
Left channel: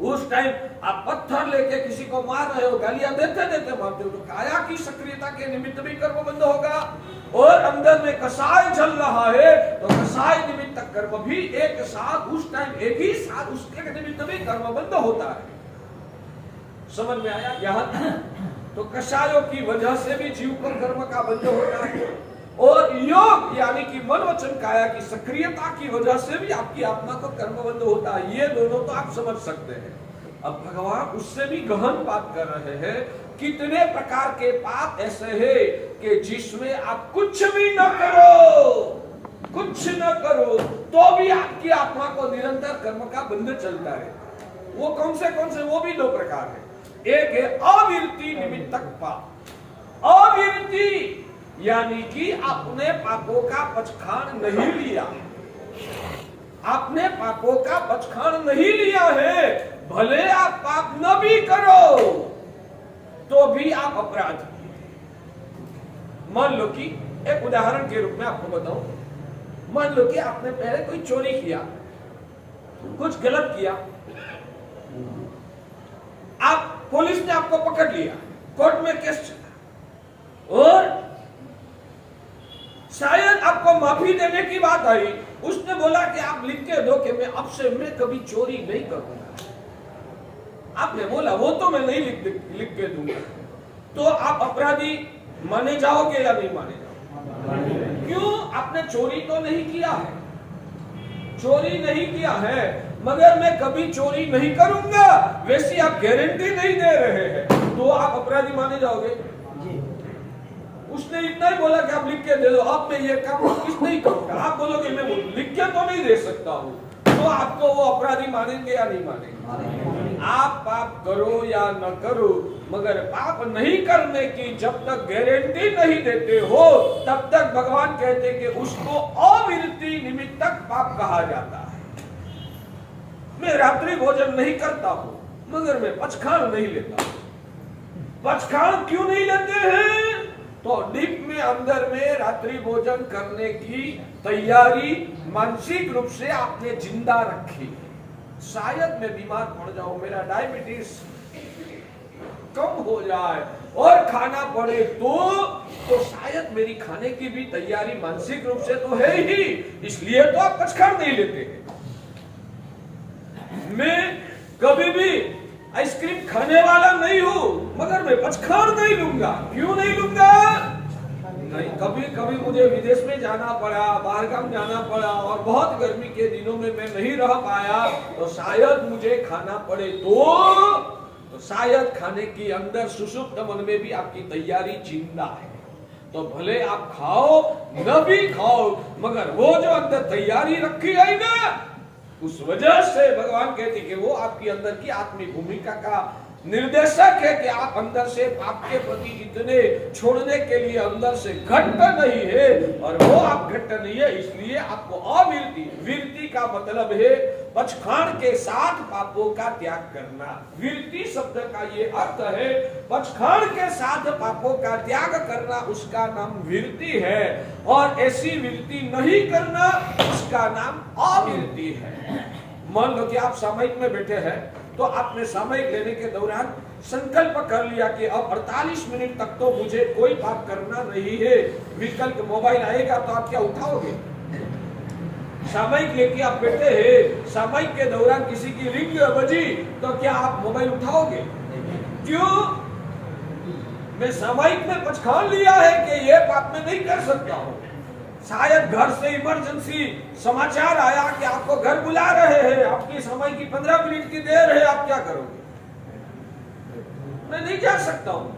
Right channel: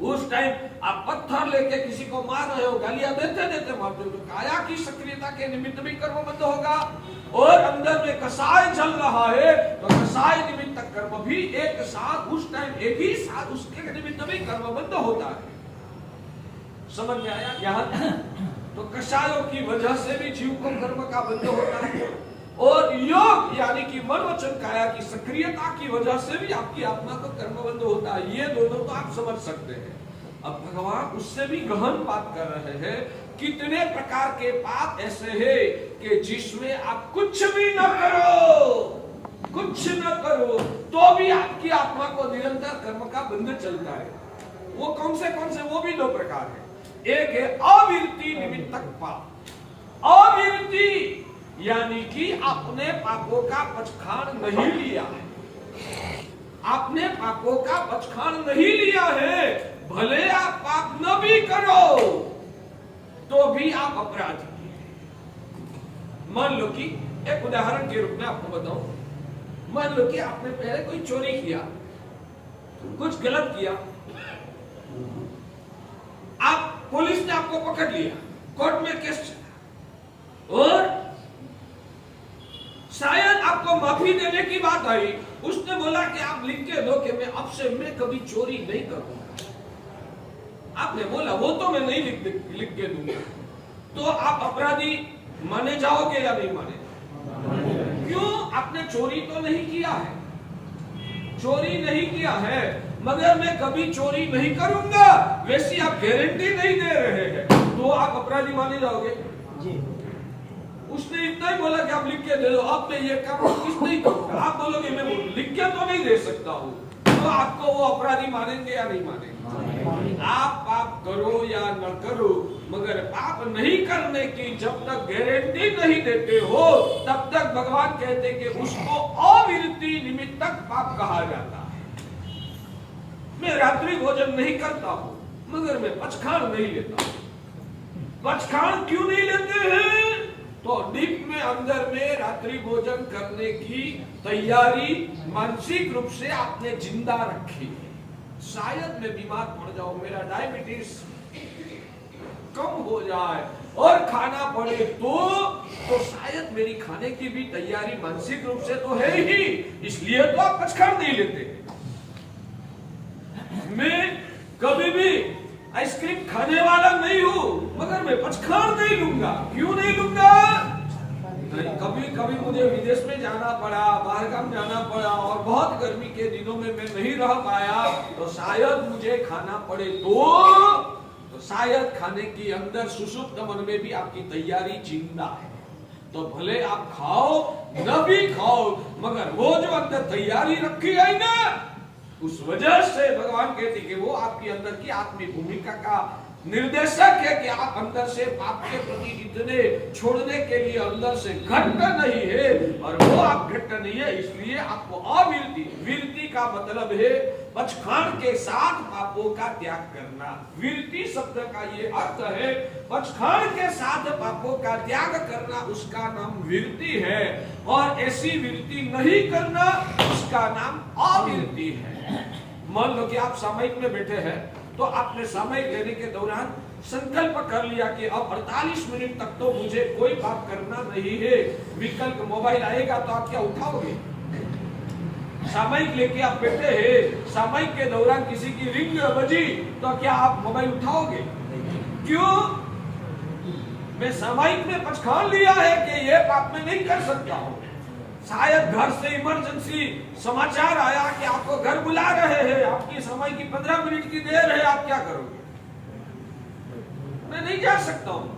उस टाइम आप पत्थर लेके किसी को मार रहे हो, गालियां देते देते मारते हो, तो काया की सक्रियता के निमित्त भी कर्मबंध होगा। और अंदर में कसाय चल रहा है तो कसाय निमित्त कर्म भी एक साथ उस टाइम एक ही साथ उसके निमित्त भी कर्मबंध होता है। समझ में आया? यहाँ तो कसायों की वजह से भी जीव पर कर्म का बंध होता है, और योग यानी कि मन वचन काया की सक्रियता की वजह से भी आपकी आत्मा को कर्मबंध होता है। ये दोनों तो आप समझ सकते हैं। अब भगवान उससे भी गहन बात कर रहे हैं, कितने प्रकार के पाप ऐसे हैं कि जिसमें आप कुछ भी न करो, कुछ न करो तो भी आपकी आत्मा को निरंतर कर्म का बंध चलता है। वो कौन से? वो भी दो प्रकार है। एक है अविरति निमित्तक पाप। अविरति यानी कि आपने पापों का पचखान नहीं लिया, आपने पापों का पचखान नहीं लिया है, भले आप पाप न भी करो तो भी आप अपराधी। मान लो कि एक उदाहरण के रूप में आपको बताऊं, मान लो कि आपने पहले कोई चोरी किया, कुछ गलत किया, आप पुलिस ने आपको पकड़ लिया, कोर्ट में केस, और शायद आपको माफी देने की बात आई, उसने बोला कि आप लिख के दो कि मैं अब से मैं कभी चोरी नहीं करूंगा। आपने बोला वो तो मैं नहीं लिख के दूंगा, तो आप अपराधी माने जाओगे या नहीं माने जाओगे? क्यों? आपने चोरी तो नहीं किया है, चोरी नहीं किया है, मगर मैं कभी चोरी नहीं करूंगा वैसी आप गारंटी नहीं दे रहे हैं, तो आप अपराधी माने जाओगे? उसने इतना ही बोला कि आप लिख के दे दो, अब मैं ये काम किस नहीं करूंगा, आप बोलोगे मैं लिख के तो नहीं दे सकता हूँ, तो आपको वो अपराधी मानेंगे या नहीं मानेंगे? आप पाप करो या न करो, मगर पाप नहीं करने की जब तक गारंटी नहीं देते हो तब तक भगवान कहते कि उसको अविरति निमित्तक पाप कहा जाता है। मैं रात्रि भोजन नहीं करता हूँ मगर मैं पचखान नहीं लेता हूँ। पचखान क्यों नहीं लेते हैं? तो डीप में अंदर में रात्रि भोजन करने की तैयारी मानसिक रूप से आपने जिंदा रखी। शायद मैं बीमार पड़ जाऊं, मेरा डायबिटीज कम हो जाए और खाना पड़े तो शायद मेरी खाने की भी तैयारी मानसिक रूप से तो है ही, इसलिए तो आप पचखान नहीं लेते। मैं कभी भी आइसक्रीम खाने वाला नहीं हूं मगर मैं पचखान नहीं लूंगा। क्यों नहीं लूंगा? नहीं, कभी कभी मुझे विदेश में जाना पड़ा, बाहरगाम जाना पड़ा और बहुत गर्मी के दिनों में मैं नहीं रह पाया तो शायद मुझे खाना पड़े तो शायद खाने की अंदर सुषुप्त मन में भी आपकी तैयारी जिंदा है, तो भले आप खाओ न भी खाओ मगर वो जो अंदर तैयारी रखी गई ना, उस वजह से भगवान कहते कि वो आपकी अंदर की आत्मिक भूमिका का निर्देशक है कि आप अंदर से पाप के प्रति इतने छोड़ने के लिए अंदर से घट्ट नहीं है, और वो आप घट्ट नहीं है इसलिए आपको अविरति, विरति का मतलब है पचखान के साथ पापों का त्याग करना। विरति शब्द का ये अर्थ है पचखान के साथ पापों का त्याग करना, उसका नाम विरति है, और ऐसी विरति नहीं करना उसका नाम अविरति है। मान लो कि आप सामयिक में बैठे हैं तो आपने सामयिक लेने के दौरान संकल्प कर लिया कि अब 48 मिनट तक तो मुझे कोई पाप करना नहीं है। विकल्प मोबाइल आएगा तो आप क्या उठाओगे? सामयिक लेके आप बैठे हैं, सामयिक के दौरान किसी की रिंग बजी तो क्या आप मोबाइल उठाओगे? क्यों? मैं सामायिक में पचखान लिया है कि ये पाप मैं नहीं कर सकता हूं। शायद घर से इमरजेंसी समाचार आया कि आपको घर बुला रहे हैं, आपकी समय की 15 मिनट की देर है, आप क्या करोगे? मैं नहीं जा सकता हूं।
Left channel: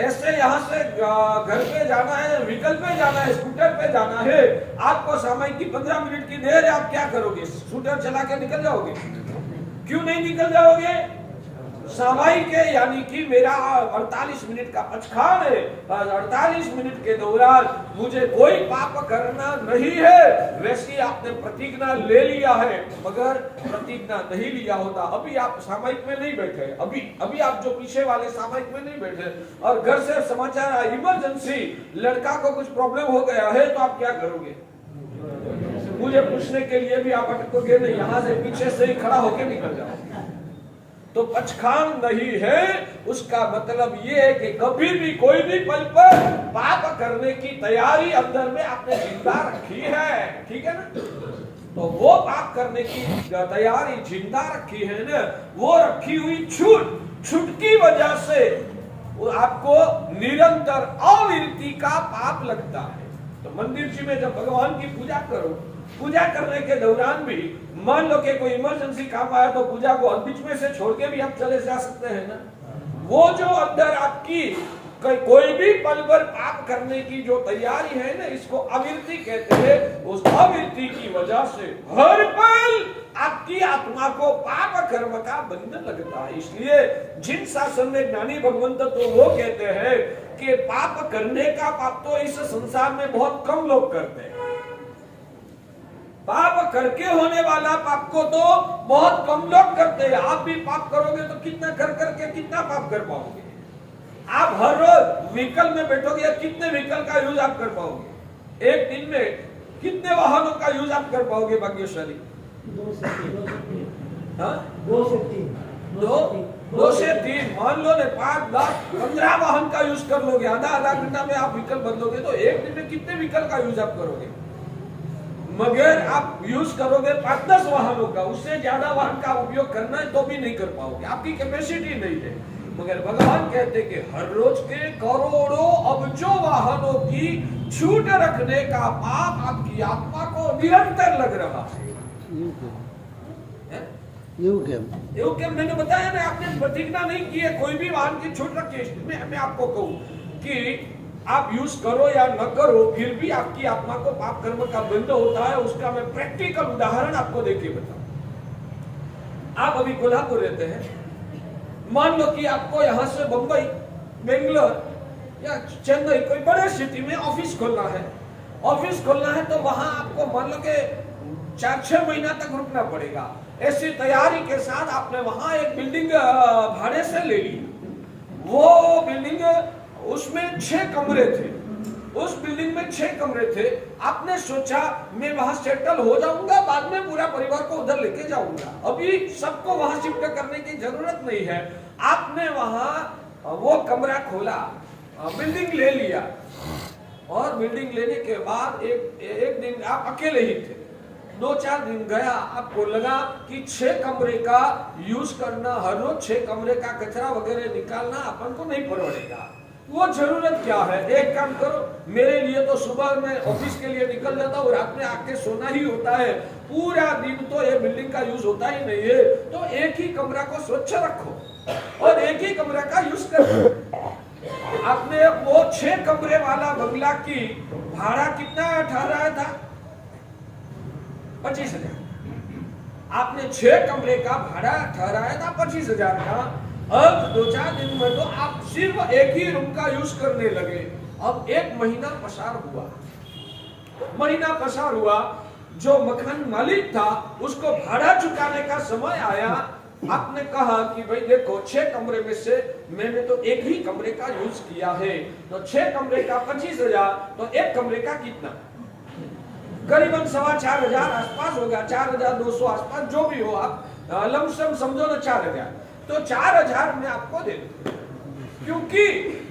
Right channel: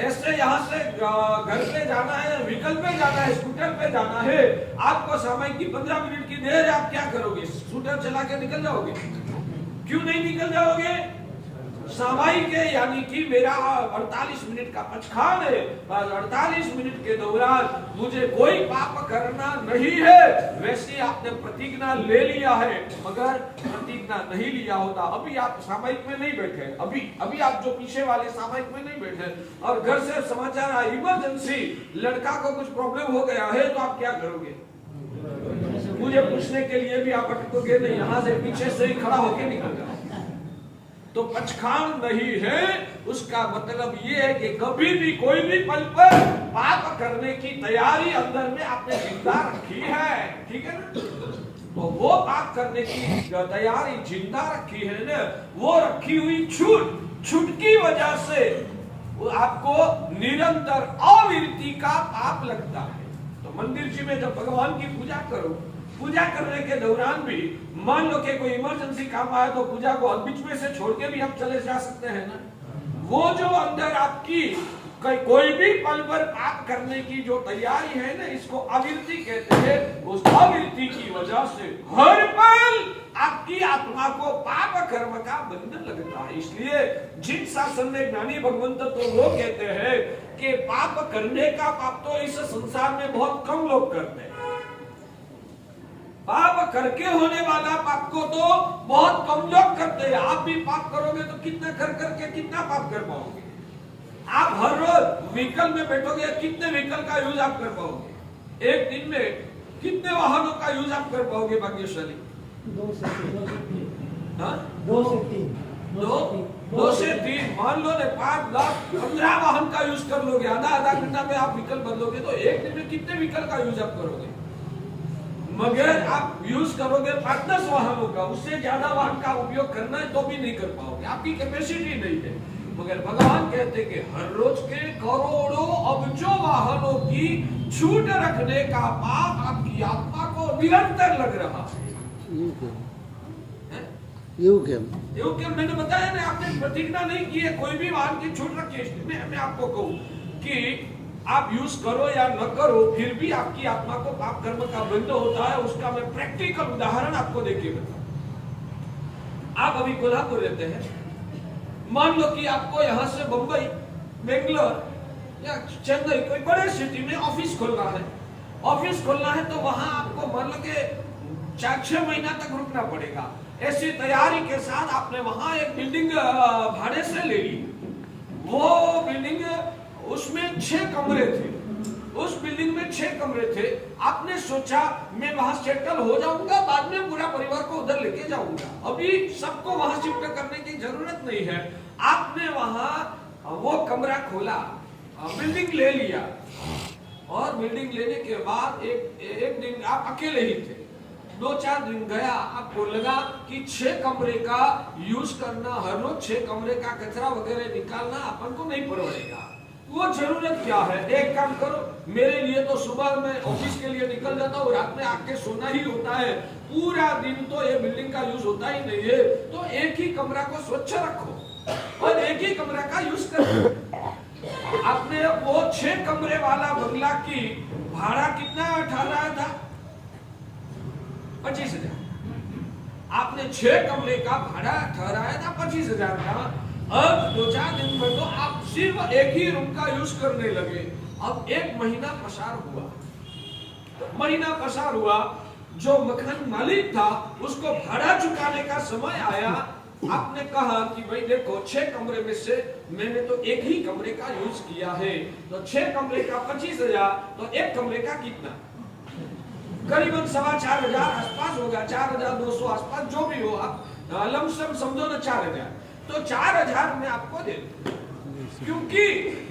ऐसे यहाँ से घर पे जाना है, व्हीकल पे जाना है, स्कूटर पे जाना है, आपको समय की 15 मिनट की देर है, आप क्या करोगे? स्कूटर चला के निकल जाओगे? क्यों नहीं निकल जाओगे? सामायिक है, यानी कि मेरा 48 मिनट का पचखान है, बस 48 मिनट के दौरान मुझे कोई पाप करना नहीं है। वैसे आपने प्रतिज्ञा ले लिया है, मगर प्रतिज्ञा नहीं लिया होता अभी आप सामायिक में नहीं बैठे, अभी आप जो पीछे वाले सामायिक में नहीं बैठे, और घर से समाचार आया इमरजेंसी, लड़का को कुछ प्रॉब्लम हो गया है, तो आप क्या करोगे? मुझे पूछने के लिए भी आप अटकोगे नहीं, यहाँ से पीछे से ही खड़ा होकर निकल जाओ। तो पचखान नहीं है, उसका मतलब ये है कि कभी भी कोई भी पल पर पाप करने की तैयारी अंदर में आपने जिंदा रखी है, ठीक है ना? तो वो पाप करने की तैयारी जिंदा रखी है ना, वो रखी हुई छूट की वजह से वो आपको निरंतर अविरति का पाप लगता है। तो मंदिर जी में जब भगवान की पूजा करो, पूजा करने के दौरान भी मान लो कि कोई इमरजेंसी काम आया, तो पूजा को बीच में से छोड़ के भी आप चले जा सकते हैं ना। वो जो अंदर आपकी कोई भी पल पर पाप करने की जो तैयारी है ना, इसको अविरति कहते हैं। उस अविरति की वजह से हर पल आपकी आत्मा को पाप कर्म का बंधन लगता है। इसलिए जिन शासन में ज्ञानी भगवंत तो वो कहते हैं कि पाप करने का पाप तो इस संसार में बहुत कम लोग करते हैं, पाप करके होने वाला पाप को तो बहुत कम लोग करते हैं। आप भी पाप करोगे तो कितना करके कितना पाप कर पाओगे? आप हर रोज व्हीकल में बैठोगे, कितने व्हीकल का यूज आप कर पाओगे? एक दिन में कितने वाहनों का यूज आप कर पाओगे भाग्यशाली? 2 से 3 2 से 3 मान लो ने 5, 10, 15 वाहन का यूज कर लोगे। आधा घंटा में आप व्हीकल बदलोगे तो एक दिन में कितने व्हीकल का यूज आप करोगे? मगर आप यूज करोगे 5-10 वाहनों का, उससे ज्यादा वाहन का उपयोग करना है तो भी नहीं कर पाओगे, आपकी कैपेसिटी नहीं है। मगर भगवान कहते कि हर रोज के करोड़ों अबजों वाहनों की छूट रखने का पाप आपकी आत्मा को निरंतर लग रहा है। मैंने बताया ना, आपने प्रतिज्ञा नहीं की है, कोई भी वाहन की छूट रखी है। मैं आपको कहूं कि आप यूज करो या न करो, फिर भी आपकी आत्मा को पाप कर्म का बंध होता है। उसका मैं प्रैक्टिकल उदाहरण आपको देके बताऊं। आप अभी कोल्हापुर रहते हैं, मान लो कि आपको यहां से बंबई, बेंगलोर या चेन्नई कोई बड़े सिटी में ऑफिस खोलना है। ऑफिस खोलना है तो वहां आपको मान लो कि 4-6 महीना तक रुकना पड़ेगा। ऐसी तैयारी के साथ आपने वहां एक बिल्डिंग भाड़े से ले ली। वो बिल्डिंग, उसमें 6 कमरे थे, उस बिल्डिंग में 6 कमरे थे। आपने सोचा मैं वहां सेटल हो जाऊंगा, बाद में पूरा परिवार को उधर लेके जाऊंगा, अभी सबको वहां शिफ्ट करने की जरूरत नहीं है। आपने वहां वो कमरा खोला, बिल्डिंग ले लिया, और बिल्डिंग लेने के बाद एक दिन आप अकेले ही थे। 2-4 दिन गया, आपको लगा कि 6 कमरे का यूज करना, हर रोज 6 कमरे का कचरा वगैरह निकालना अपन को नहीं पड़ेगा। वो जरूरत क्या है? एक काम करो, मेरे लिए तो सुबह मैं ऑफिस के लिए निकल जाता हूँ, रात में आके सोना ही होता है, पूरा दिन तो ये बिल्डिंग का यूज होता ही नहीं है, तो एक ही कमरा को स्वच्छ रखो और एक ही कमरा का यूज करो। आपने वो 6 कमरे वाला बंगला की भाड़ा कितना ठहराया था? 25,000। आपने 6 कमरे का भाड़ा ठहराया था 25,000 का। अब 2-4 दिन में तो आप सिर्फ एक ही रूम का यूज करने लगे। अब 1 महीना पसार हुआ, जो मकान मालिक था उसको भाड़ा चुकाने का समय आया। आपने कहा कि भाई देखो, 6 कमरे में से मैंने तो एक ही कमरे का यूज किया है, तो 6 कमरे का 25,000, तो एक कमरे का कितना? करीबन 4,500 आसपास होगा, 4,200 आसपास, जो भी हो आप लमसम समझो ना 4,000। तो 4,000 मैं आपको दे दूं, क्योंकि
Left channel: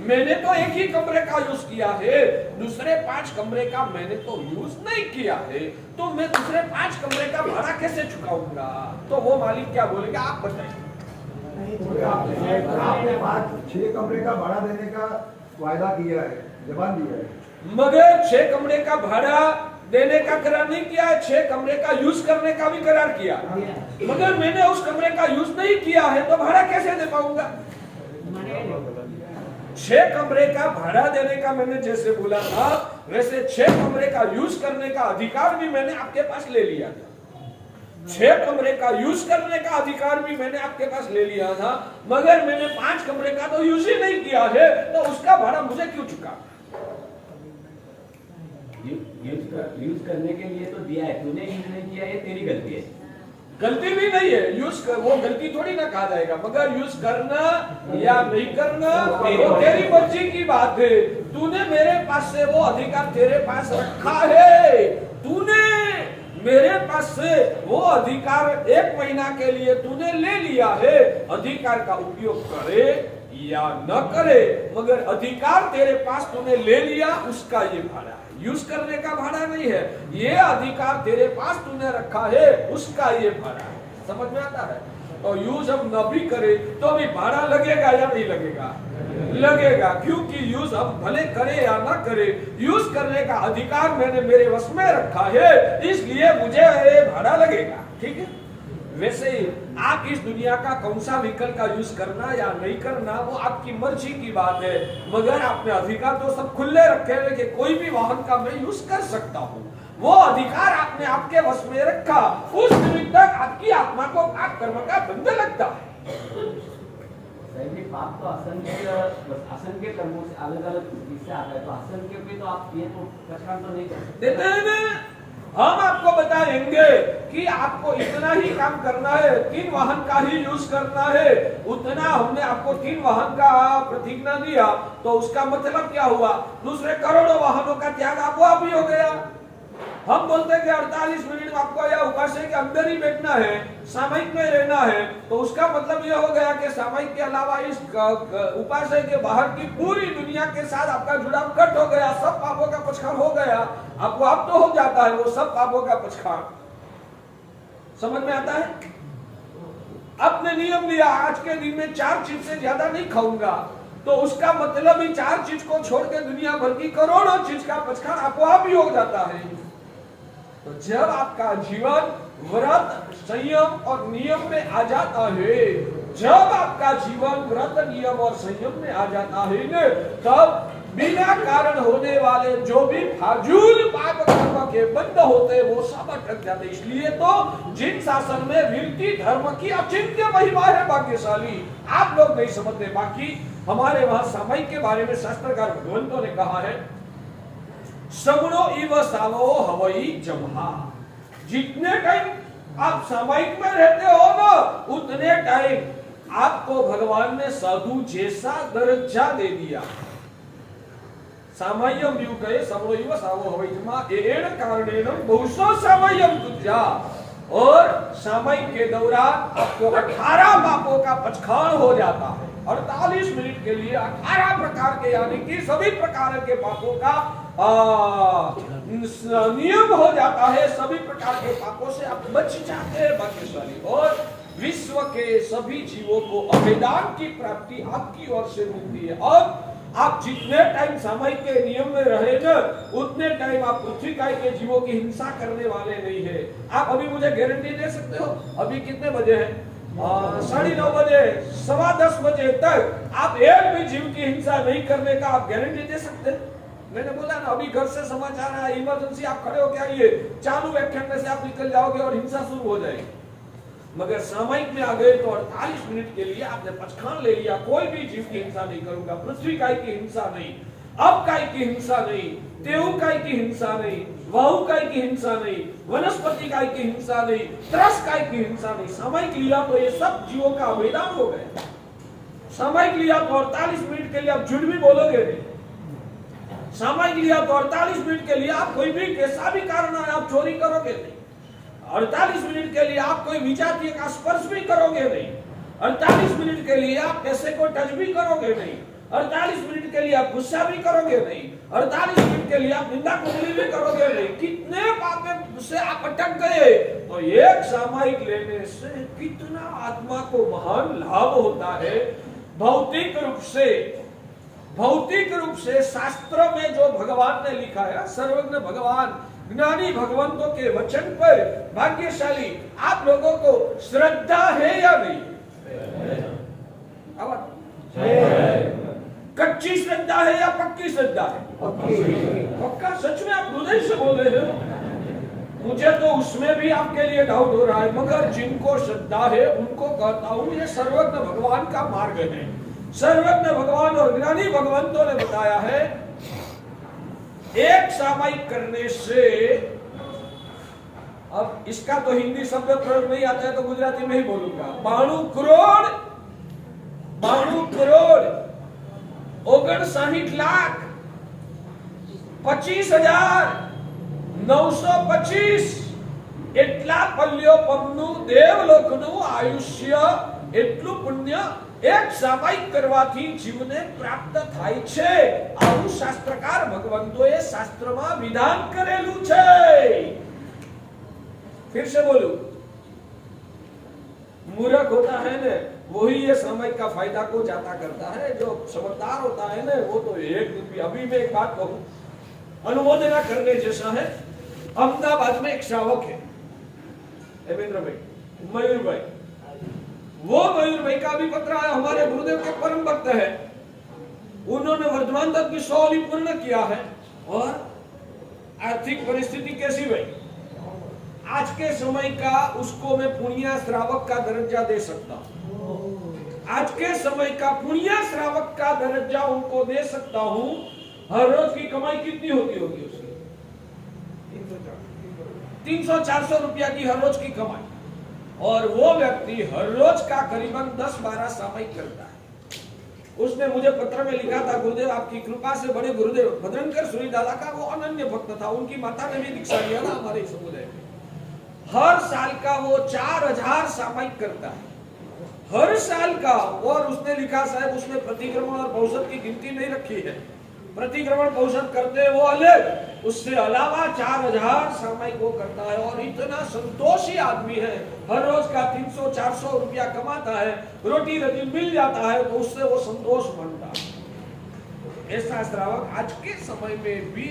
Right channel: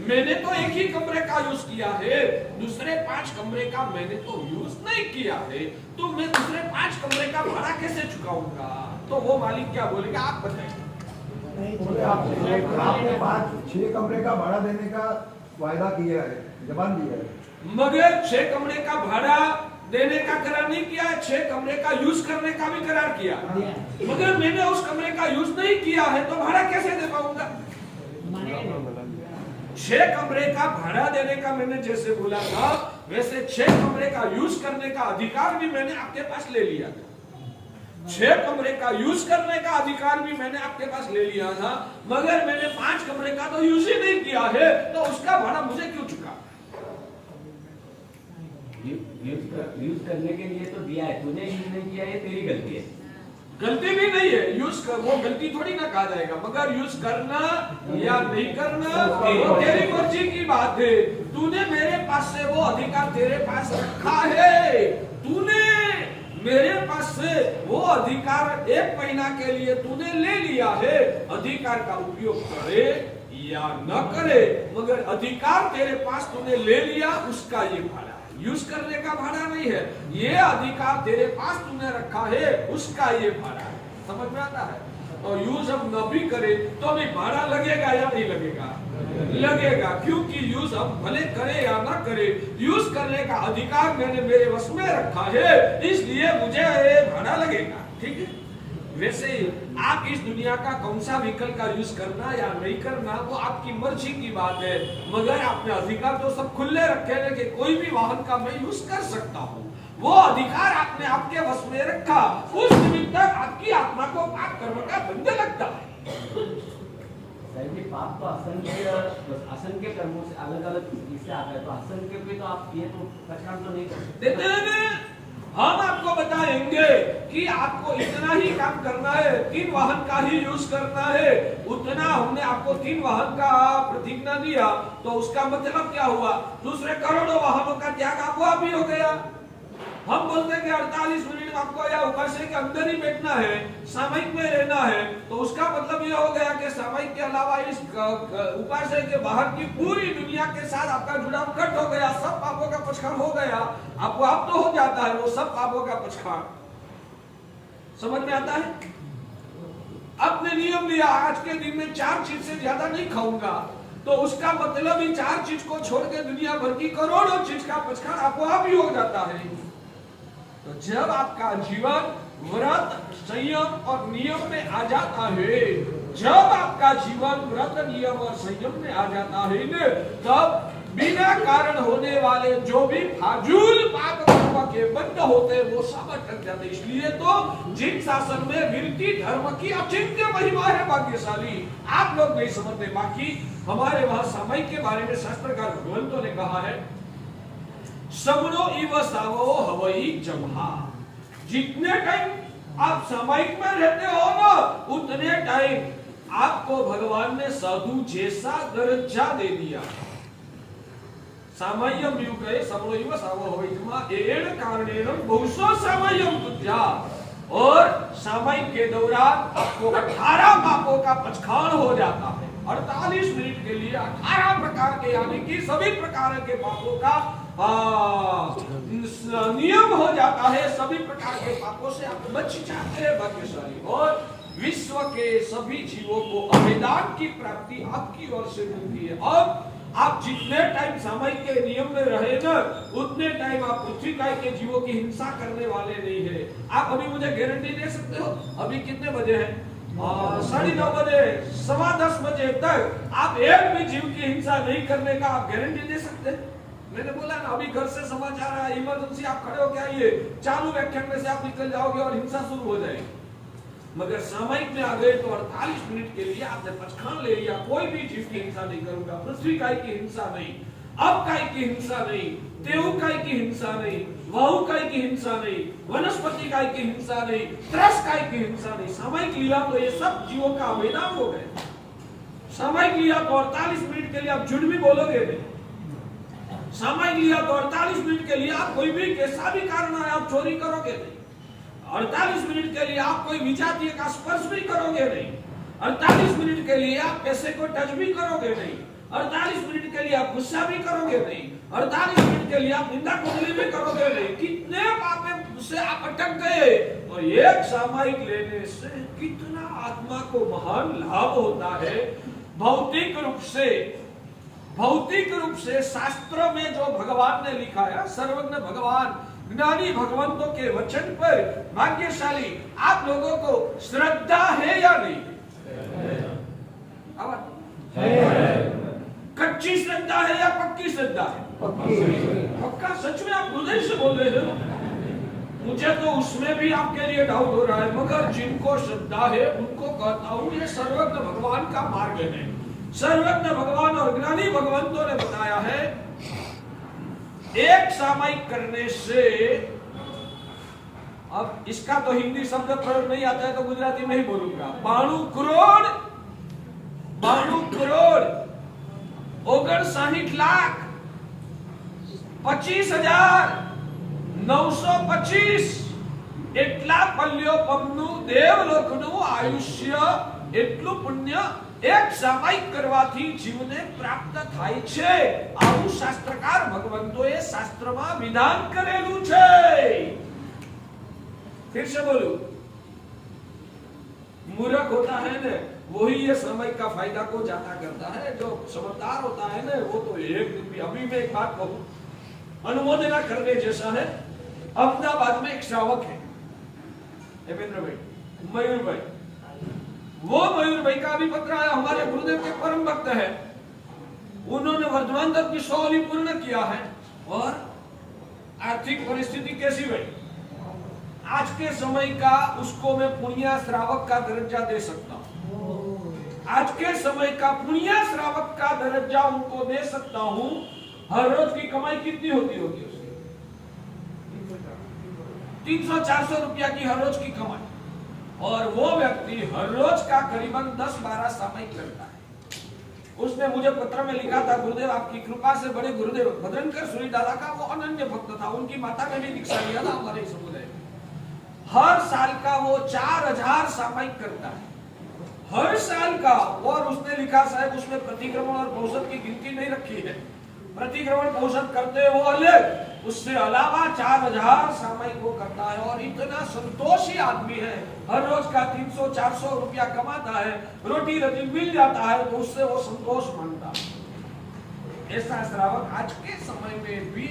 मैंने तो एक ही कमरे का यूज किया है, दूसरे 5 कमरे का मैंने तो यूज नहीं किया है, तो मैं दूसरे 5 कमरे का भाड़ा कैसे चुकाऊंगा? तो वो मालिक क्या बोलेगा आप बताइए। बोले आपने 6 कमरे का भाड़ा देने का वायदा किया है, जबान दिया है, मगर 6 कमरे का भाड़ा देने का करार नहीं किया है, 6 कमरे का यूज करने का भी करार किया, मगर मैंने उस कमरे का यूज नहीं किया है तो भाड़ा कैसे दे पाऊंगा? 6 कमरे का भाड़ा देने का मैंने जैसे बोला था, वैसे 6 कमरे का यूज करने का अधिकार भी मैंने आपके पास ले लिया था। 6 कमरे का यूज करने का अधिकार भी मैंने आपके पास ले लिया था, मगर मैंने 5 कमरे का तो यूज ही नहीं किया है, तो उसका भाड़ा मुझे क्यों चुका? यूज करने के लिए तो दिया है, तूने यूज नहीं किया, ये तेरी गलती है। गलती भी नहीं है, यूज कर, वो गलती थोड़ी ना कहा जाएगा, मगर यूज करना या नहीं करना वो तेरी मर्जी की बात है। तूने मेरे पास से वो अधिकार तेरे पास रखा है, तूने मेरे पास से वो अधिकार 1 महीना के लिए तूने ले लिया है। अधिकार का उपयोग करे या न करे, मगर अधिकार तेरे पास तूने ले लिया, उसका ये भाड़ा है, यूज करने का भाड़ा नहीं है। ये अधिकार तेरे पास तूने रखा है, उसका ये भाड़ा है। समझ में आता है? और यूज हम न भी करे तो भी भाड़ा लगेगा या नहीं लगेगा? लगेगा, क्योंकि यूज हम भले करे या ना करे, यूज करने का अधिकार मैंने मेरे वश में रखा है, इसलिए मुझे ये भाड़ा लगेगा। ठीक है? वैसे आप इस दुनिया का कौन सा व्हीकल का यूज करना या नहीं करना वो आपकी मर्जी की बात है, मगर आपने अधिकार तो सब खुले रखे हैं कि कोई भी वाहन का मैं यूज कर सकता हूँ। वो अधिकार आपने आपके वश में रखा, उस निमित्त आपकी आत्मा को पाप कर्म का बंध लगता है। पाप तो असंख्य कर्मों से अलग अलग चीज से आता है, तो असंख्य पे तो आप ये तो पहचान तो नहीं कर देते हैं ना। हम आपको बताएंगे कि आपको इतना ही काम करना है, 3 वाहन का ही यूज करना है, उतना हमने आपको 3 वाहन का प्रतिज्ञा दिया, तो उसका मतलब क्या हुआ? दूसरे करोड़ों वाहनों का त्याग आपको भी हो गया। हम बोलते हैं कि 48 मिनट आपको या उपासना के अंदर ही बैठना है, सामयिक में रहना है, तो उसका मतलब यह हो गया कि सामयिक के अलावा इस उपासना के बाहर की पूरी दुनिया के साथ आपका जुड़ाव कट हो गया, सब पापों का पछाड़ हो गया। आपको अब तो हो जाता है वो सब पापों का पछाड़। समझ में आता है? आपने नियम लिया, आज के दिन में 4 चीज से ज्यादा नहीं खाऊंगा, तो उसका मतलब ही 4 चीज को छोड़ के दुनिया भर की करोड़ों चीज का पछाड़ आपको अब ही हो जाता है। तो जब आपका जीवन व्रत, संयम और नियम में आ जाता है, जब आपका जीवन व्रत, नियम और संयम में आ जाता है न, तब बिना कारण होने वाले जो भी फाजूल पाप कर्म के बंद होते वो सब अटक जाते। इसलिए तो जिन शासन में विरति धर्म की अचिंत्य महिमा है भाग्यशाली, आप लोग नहीं समझते। बाकी हमारे वहां सामयिक के बारे में शास्त्रकार भगवंतों ने कहा है, सबनो इव सावो हवई जमहा। जितने टाइम आप सामयिक में रहते हो ना, उतने टाइम आपको भगवान ने साधु जैसा दर्जा दे दिया। सामय्यम युगे सबनो इव सावो हवई जमहा एण कारणेन बहुसो सामय्यम तुझा। और सामयिक के दौरान आपको 18 पापों का पछाड़ हो जाता है। 48 मिनट के लिए 18 प्रकार के, यानी कि सभी प्रकार के पापों का नियम हो जाता है। सभी प्रकार के पापों से आप बच जाते हैं भाग्यशाली। और विश्व के सभी जीवों को अभेदान की प्राप्ति आपकी ओर से मिलती है। और आप जितने टाइम सामयिक के नियम में रहे ना, उतने टाइम आप पृथ्वी काय के जीवों की हिंसा करने वाले नहीं है। आप अभी मुझे गारंटी दे सकते हो? अभी कितने बजे हैं? 9:30 बजे, 10:15 बजे तक आप एक भी जीव की हिंसा नहीं करने का आप गारंटी दे सकते? मैंने बोला ना, अभी घर से समाचार आया, इमरजेंसी, आप खड़े हो क्या, ये चालू बैठक से आप निकल जाओगे और हिंसा शुरू हो जाएगी। मगर सामयिक में आ गए तो 48 मिनट के लिए आपने पछाड़ ले लिया, कोई भी जीव की हिंसा नहीं करूंगा, पृथ्वी काय की हिंसा नहीं, अब काय की हिंसा नहीं, तेऊ काय की हिंसा नहीं, वाहु काय की हिंसा नहीं, वनस्पति काय की हिंसा नहीं, त्रस काय की हिंसा नहीं। सामयिक लिया तो ये सब जीवों का अवैधान हो गया। सामयिक लिया तो 48 मिनट के लिए आप झूठ भी बोलोगे नहीं। सामयिक लिया तो 48 मिनट के लिए आप कोई भी कैसा भी कारण है आप चोरी करोगे नहीं। 48 मिनट के लिए आप कोई विजातीय का स्पर्श भी करोगे नहीं। 48 मिनट के लिए आप पैसे को टच भी करोगे नहीं। 48 मिनट के लिए आप गुस्सा भी करोगे नहीं। 48 मिनट के लिए आप निंदा कुंडली भी करोगे नहीं। कितने पाप से आप अटक गए, तो एक सामयिक लेने से कितना आत्मा को महान लाभ होता है। भौतिक रूप से शास्त्र में जो भगवान ने लिखा है, सर्वज्ञ भगवान ज्ञानी भगवंतों के वचन पर भाग्यशाली आप लोगों को श्रद्धा है या नहीं? कच्ची श्रद्धा है या पक्की श्रद्धा है? पक्का। सच में आप हृदय से बोल रहे हो? मुझे तो उसमें भी आपके लिए डाउट हो रहा है, मगर जिनको श्रद्धा है उनको कहता हूं ये सर्वज्ञ भगवान का मार्ग है। सर्वज्ञ भगवान और ज्ञानी भगवंतों ने बताया है एक सामयिक करने से, अब इसका तो हिंदी शब्द प्रयोग नहीं आता है तो गुजराती में ही बोलूंगा, 92 करोड़ 59,925 એટલા પલ્યો પમનું દેવલોકનું આયુષ્ય એટલું પુણ્ય એક સામાયિક કરવાથી જીવને પ્રાપ્ત થાય છે। આવું શાસ્ત્રકાર ભગવંતોએ શાસ્ત્રમાં વિધાન કરેલું છે। फिर से बोलू, मूर्ख होता है ना वही ये समय का फायदा को ज्यादा करता है, जो समझदार होता है ना वो तो एक दिन भी। अभी मैं एक बात कहूं, अनुमोदना करने जैसा है। अहमदाबाद में एक श्रावक है देवेंद्र भाई, मयूर भाई। वो मयूर भाई का भी पत्र आया, हमारे गुरुदेव के परम भक्त है, उन्होंने वर्धमान तक की 100 अली पूर्ण किया है। और आर्थिक परिस्थिति कैसी भाई, आज के समय का उसको मैं पुण्य श्रावक का दर्जा दे सकता हूं। आज के समय का पुण्य श्रावक का दर्जा उनको दे सकता हूं। हर रोज की कमाई कितनी होती होगी उसकी? 300-400 रुपया की हर रोज की कमाई। और वो व्यक्ति हर रोज का करीबन 10-12 सामयिक करता है। उसने मुझे पत्र में लिखा था, गुरुदेव आपकी कृपा से बड़े गुरुदेव भद्रंकर सूरीदादा का वो अनन्य भक्त था, उनकी माता ने भी दीक्षा लिया था हमारे समुदाय। हर साल का वो 4000 सामयिक करता है, हर साल का। और उसने लिखा साहब उसमें प्रतिक्रमण और औसत की गिनती नहीं रखी है, प्रतिक्रमण औसत करते वो अलग, उससे अलावा 4000 सामयिक वो करता है। और इतना संतोषी आदमी है, हर रोज का 300-400 रुपया कमाता है, रोटी रोटी मिल जाता है तो उससे वो संतोष मानता है। ऐसा श्रावक आज के समय में भी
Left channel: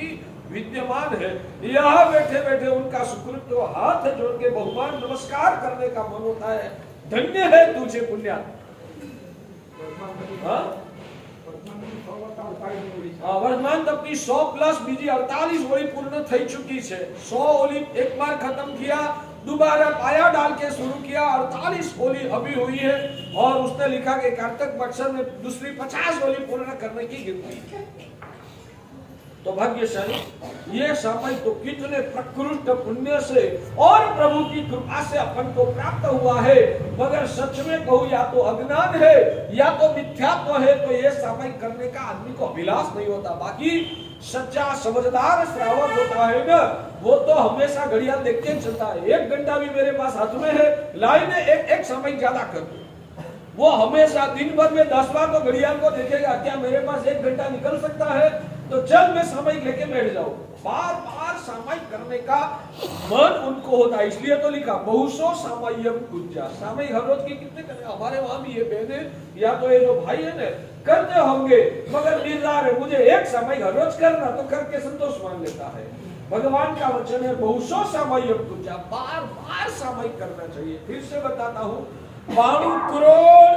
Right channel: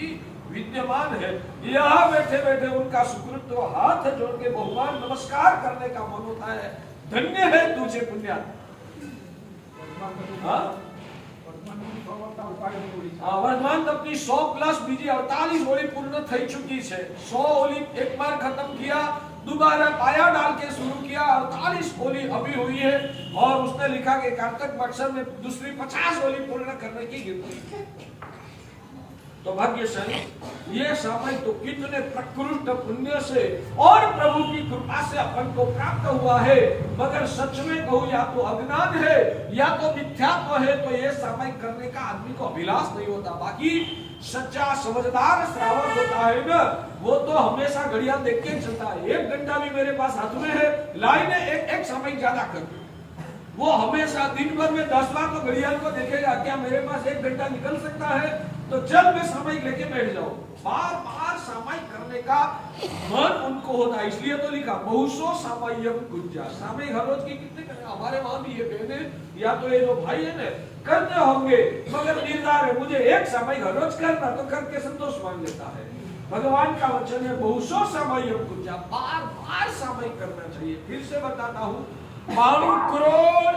विद्यमान है। यहाँ बैठे बैठे उनका सुकृत तो हाथ जोड़ के भगवान नमस्कार करने का मन होता है। धन्य है तुझे पुण्य। वर्तमान तक की 100+ बीजी 48 ओली पूर्ण થઈ चुकी है। 100 ओली एक बार खत्म किया, दोबारा पाया डाल के शुरू किया, 48 ओली अभी हुई है। और उसने लिखा कि कार्तिक मत्सर में दूसरी 50 ओली पूर्ण करने की गिनती। तो भाग्यशाली ये समय तो कितने प्रकृष्ट पुण्य से और प्रभु की कृपा से अपन को प्राप्त हुआ है। मगर सच में कहूं या तो अज्ञान है या तो मिथ्यात्व है, तो ये समय करने का आदमी को अभिलाष नहीं होता। बाकी सच्चा समझदार श्रावक होता है ना, वो तो हमेशा घड़ियाल देख के चलता है। 1 घंटा भी मेरे पास हाथ में है, लाइन में एक समय ज्यादा कर, वो हमेशा दिन भर में 10 बार तो घड़ियाल को देखेगा, क्या मेरे पास 1 घंटा निकल सकता है तो चल मैं सामयिक लेके बैठ जाऊं। बार बार सामयिक करने का मन उनको होता है, इसलिए तो लिखा बहुसो सामयिक गुज्जा। सामयिक हर रोज की कितने करना, हमारे वहां भी ये कहते या तो ये जो भाई है ना करते होंगे, मगर निर्धार है मुझे 1 सामयिक हर रोज करना, तो करके संतोष मान लेता है। भगवान का वचन है बहुसो सामयिक गुज्जा, बार बार सामयिक करना चाहिए। फिर से बताता हूं, 92 करोड़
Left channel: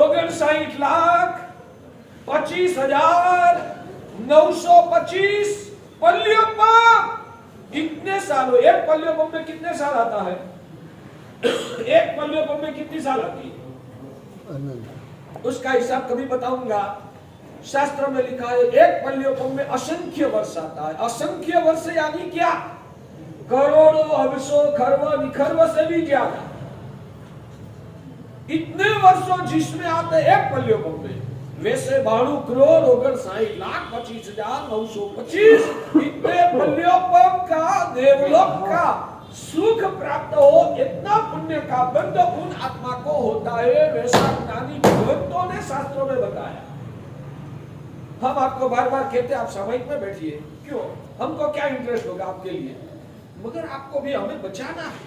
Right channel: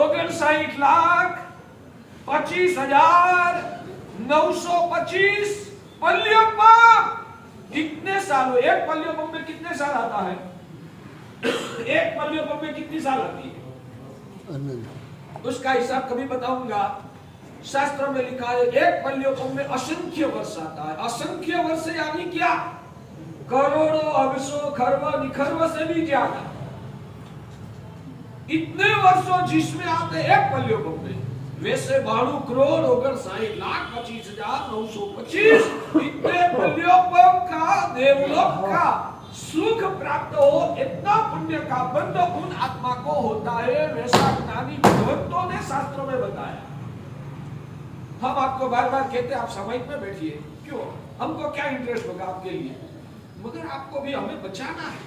59,925 पल्लियों पंप। कितने साल हो? एक पल्लियों पंप में कितने साल आता है? एक पल्लियों पंप में कितनी साल आती है? उसका हिसाब कभी बताऊंगा। शास्त्र में लिखा है एक पल्लियों पंप में असंख्य वर्ष आता है। असंख्य वर्ष यानी क्या? करोड़ों अरसों खरवा निखरव से भी ज्यादा। इतने वर्षों जिसमें आते एक पल्लियों पंप में। वैसे 92 करोड़ 59,25,925 इतने पल्लियों पंप का देवलोक का सुख प्राप्त हो, इतना पुण्य का बंध उन आत्मा को होता है। वैसा ज्ञानी भगवंतों ने शास्त्रों में बताया। हम आपको बार बार कहते आप सामयिक में बैठिए, क्यों? हमको क्या इंटरेस्ट होगा आपके लिए? मगर आपको भी हमें बचाना है,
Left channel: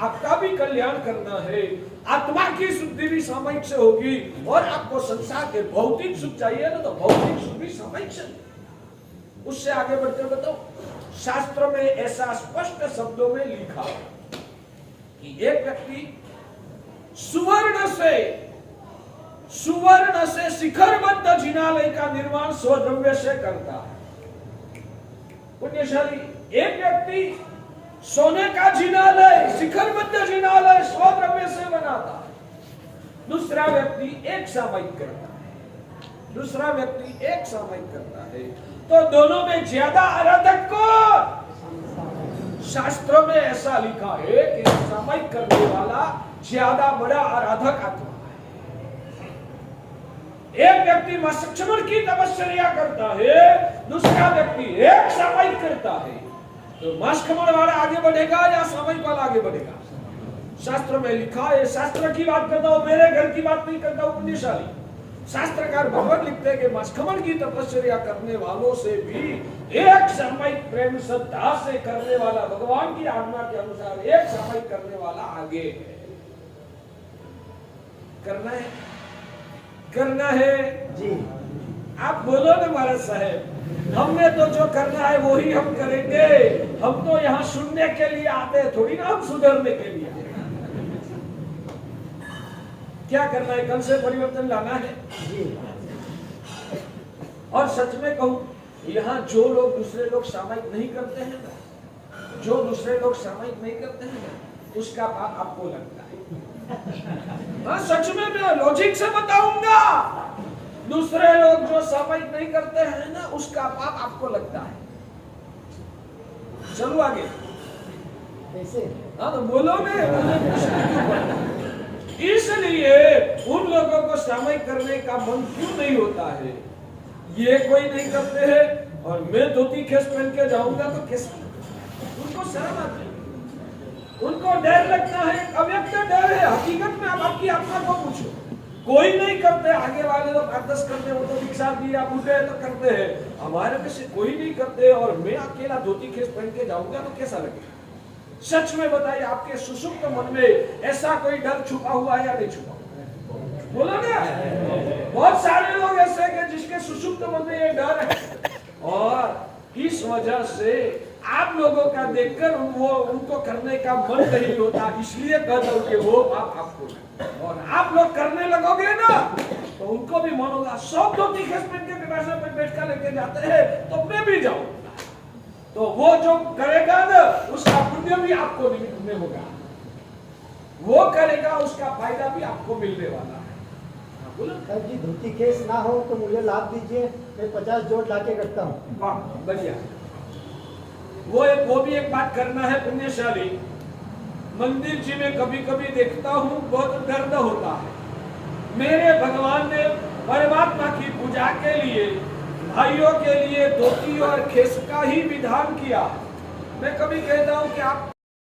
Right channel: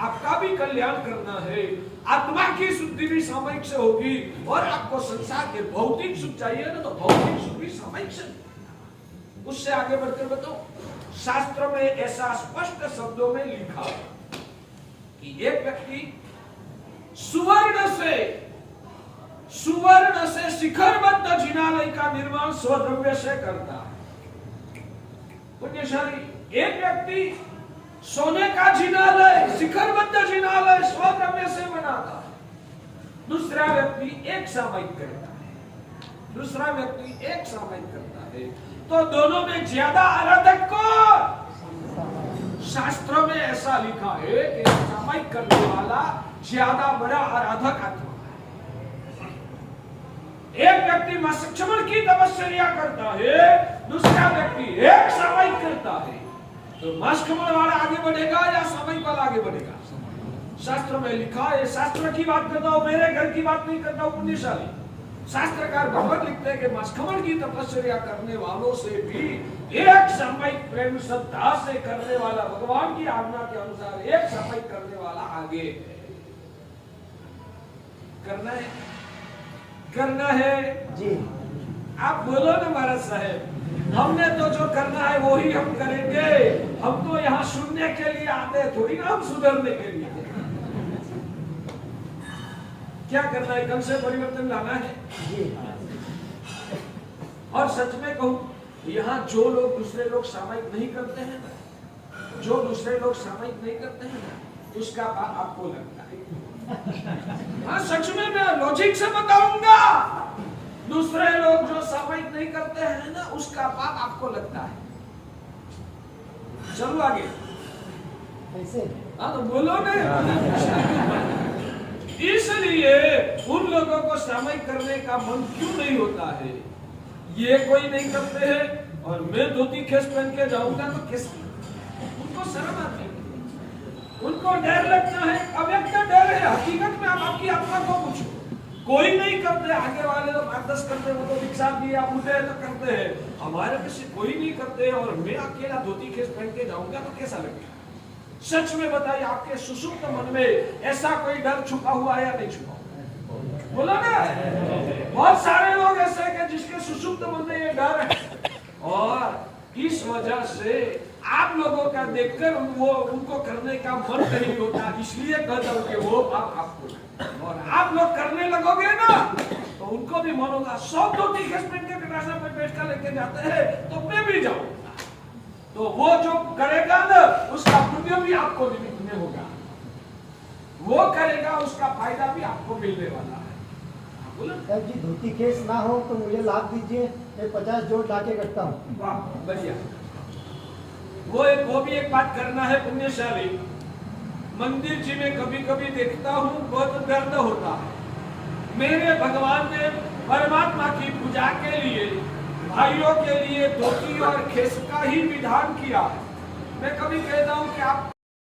आपका भी कल्याण करना है। आत्मा की शुद्धि भी सामयिक से होगी और आपको संसार के भौतिक सुख चाहिए ना, तो भौतिक सुख भी सामयिक से। उससे आगे बढ़कर बताओ, शास्त्रों में ऐसा स्पष्ट शब्दों में लिखा कि एक व्यक्ति सुवर्ण से शिखरबद्ध जिनालय का निर्माण स्वद्रव्य से करता। पुण्यशाली एक व्यक्ति सोने का जिनालय, शिखरबद्ध जिनालय स्वद्रव्य से बनाता, दूसरा व्यक्ति एक सामयिक करता है। तो दोनों में ज्यादा आराधक कौन? शास्त्रों में ऐसा लिखा है कि सामयिक करने वाला ज्यादा बड़ा आराधक आत्मा। एक व्यक्ति मस्कमण की तपस्या करता है, दूसरा व्यक्ति एक सामयिक करता है। तो मस्कमण वाला आगे बढ़ेगा या सामयिक वाला आगे बढ़ेगा? शास्त्र में लिखा है। शास्त्र की बात करता हूं, मेरे घर की बात नहीं करता हूं। पुण्यशाली शास्त्रकार भगवत लिखते हैं कि मस्कमण की तपस्या करने वालों से भी एक सामयिक प्रेम श्रद्धा से करने वाला, भगवान की आज्ञा के अनुसार एक सामयिक करने वाला आगे है। करना है जी। आप बोलो ना महाराज साहब, हमने तो जो करना है वो ही हम करेंगे। हम तो यहाँ सुनने के लिए आते हैं, थोड़ी ना हम सुधरने के लिए। क्या करना है? कल से परिवर्तन लाना है जी। और सच में कहूं, यहाँ जो लोग दूसरे लोग सामयिक नहीं करते हैं, उसका पाप आपको लगता है। हाँ सच में मैं लॉजिक से बताऊंगा, दूसरे लोग जो सामयिक नहीं करते हैं ना, उसका पाप आपको लगता है। चलो आगे। कैसे? हाँ तो बोलो ना। इसलिए उन लोगों को सामयिक करने का मन क्यों नहीं होता है? ये कोई नहीं करते हैं और मैं धोती खेस पहन के जाऊंगा तो कैसे? उनको शर्म आती है, उनको डर लगता है, अव्यक्त डर है। हकीकत में आप आपकी आत्मा को पूछो, कोई नहीं करते। आगे वाले लोग 8-10 करते, वो तो भिक्षा दिया बूढ़े तो करते हैं। हमारे में से कोई नहीं करते और मैं अकेला धोती खेस पहन के जाऊंगा तो कैसा लगेगा? सच में बताइए, आपके सुसुप्त मन में ऐसा कोई डर छुपा हुआ है या नहीं छुपा हुआ? बोलो ना। बहुत सारे लोग ऐसे हैं जिसके सुसुप्त मन में ये डर है, और इस वजह से आप लोगों का देखकर वो उनको करने का मन नहीं होता, इसलिए कर दो कि वो पाप आपको। और आप लोग करने लगोगे ना तो उनको भी मन होगा। 100 धोती खेस पहन के कटासा पे बैठ कर लेके जाते हैं तो मैं भी जाऊं, तो वो जो करेगा ना उसका पुण्य भी आपको में होगा, वो करेगा उसका फायदा भी आपको मिलने वाला है। सर जी, धोती केस ना हो तो मुझे लाभ दीजिए, मैं 50 जोड़ लाके रखता हूँ। वाह बढ़िया। वो भी एक बात करना है पुण्यशाली। मंदिर जी में कभी कभी देखता हूँ बहुत दर्द होता है। मेरे भगवान ने परमात्मा की पूजा के लिए भाइयों के लिए धोती और खेस का ही विधान किया। मैं कभी कहता हूँ कि आप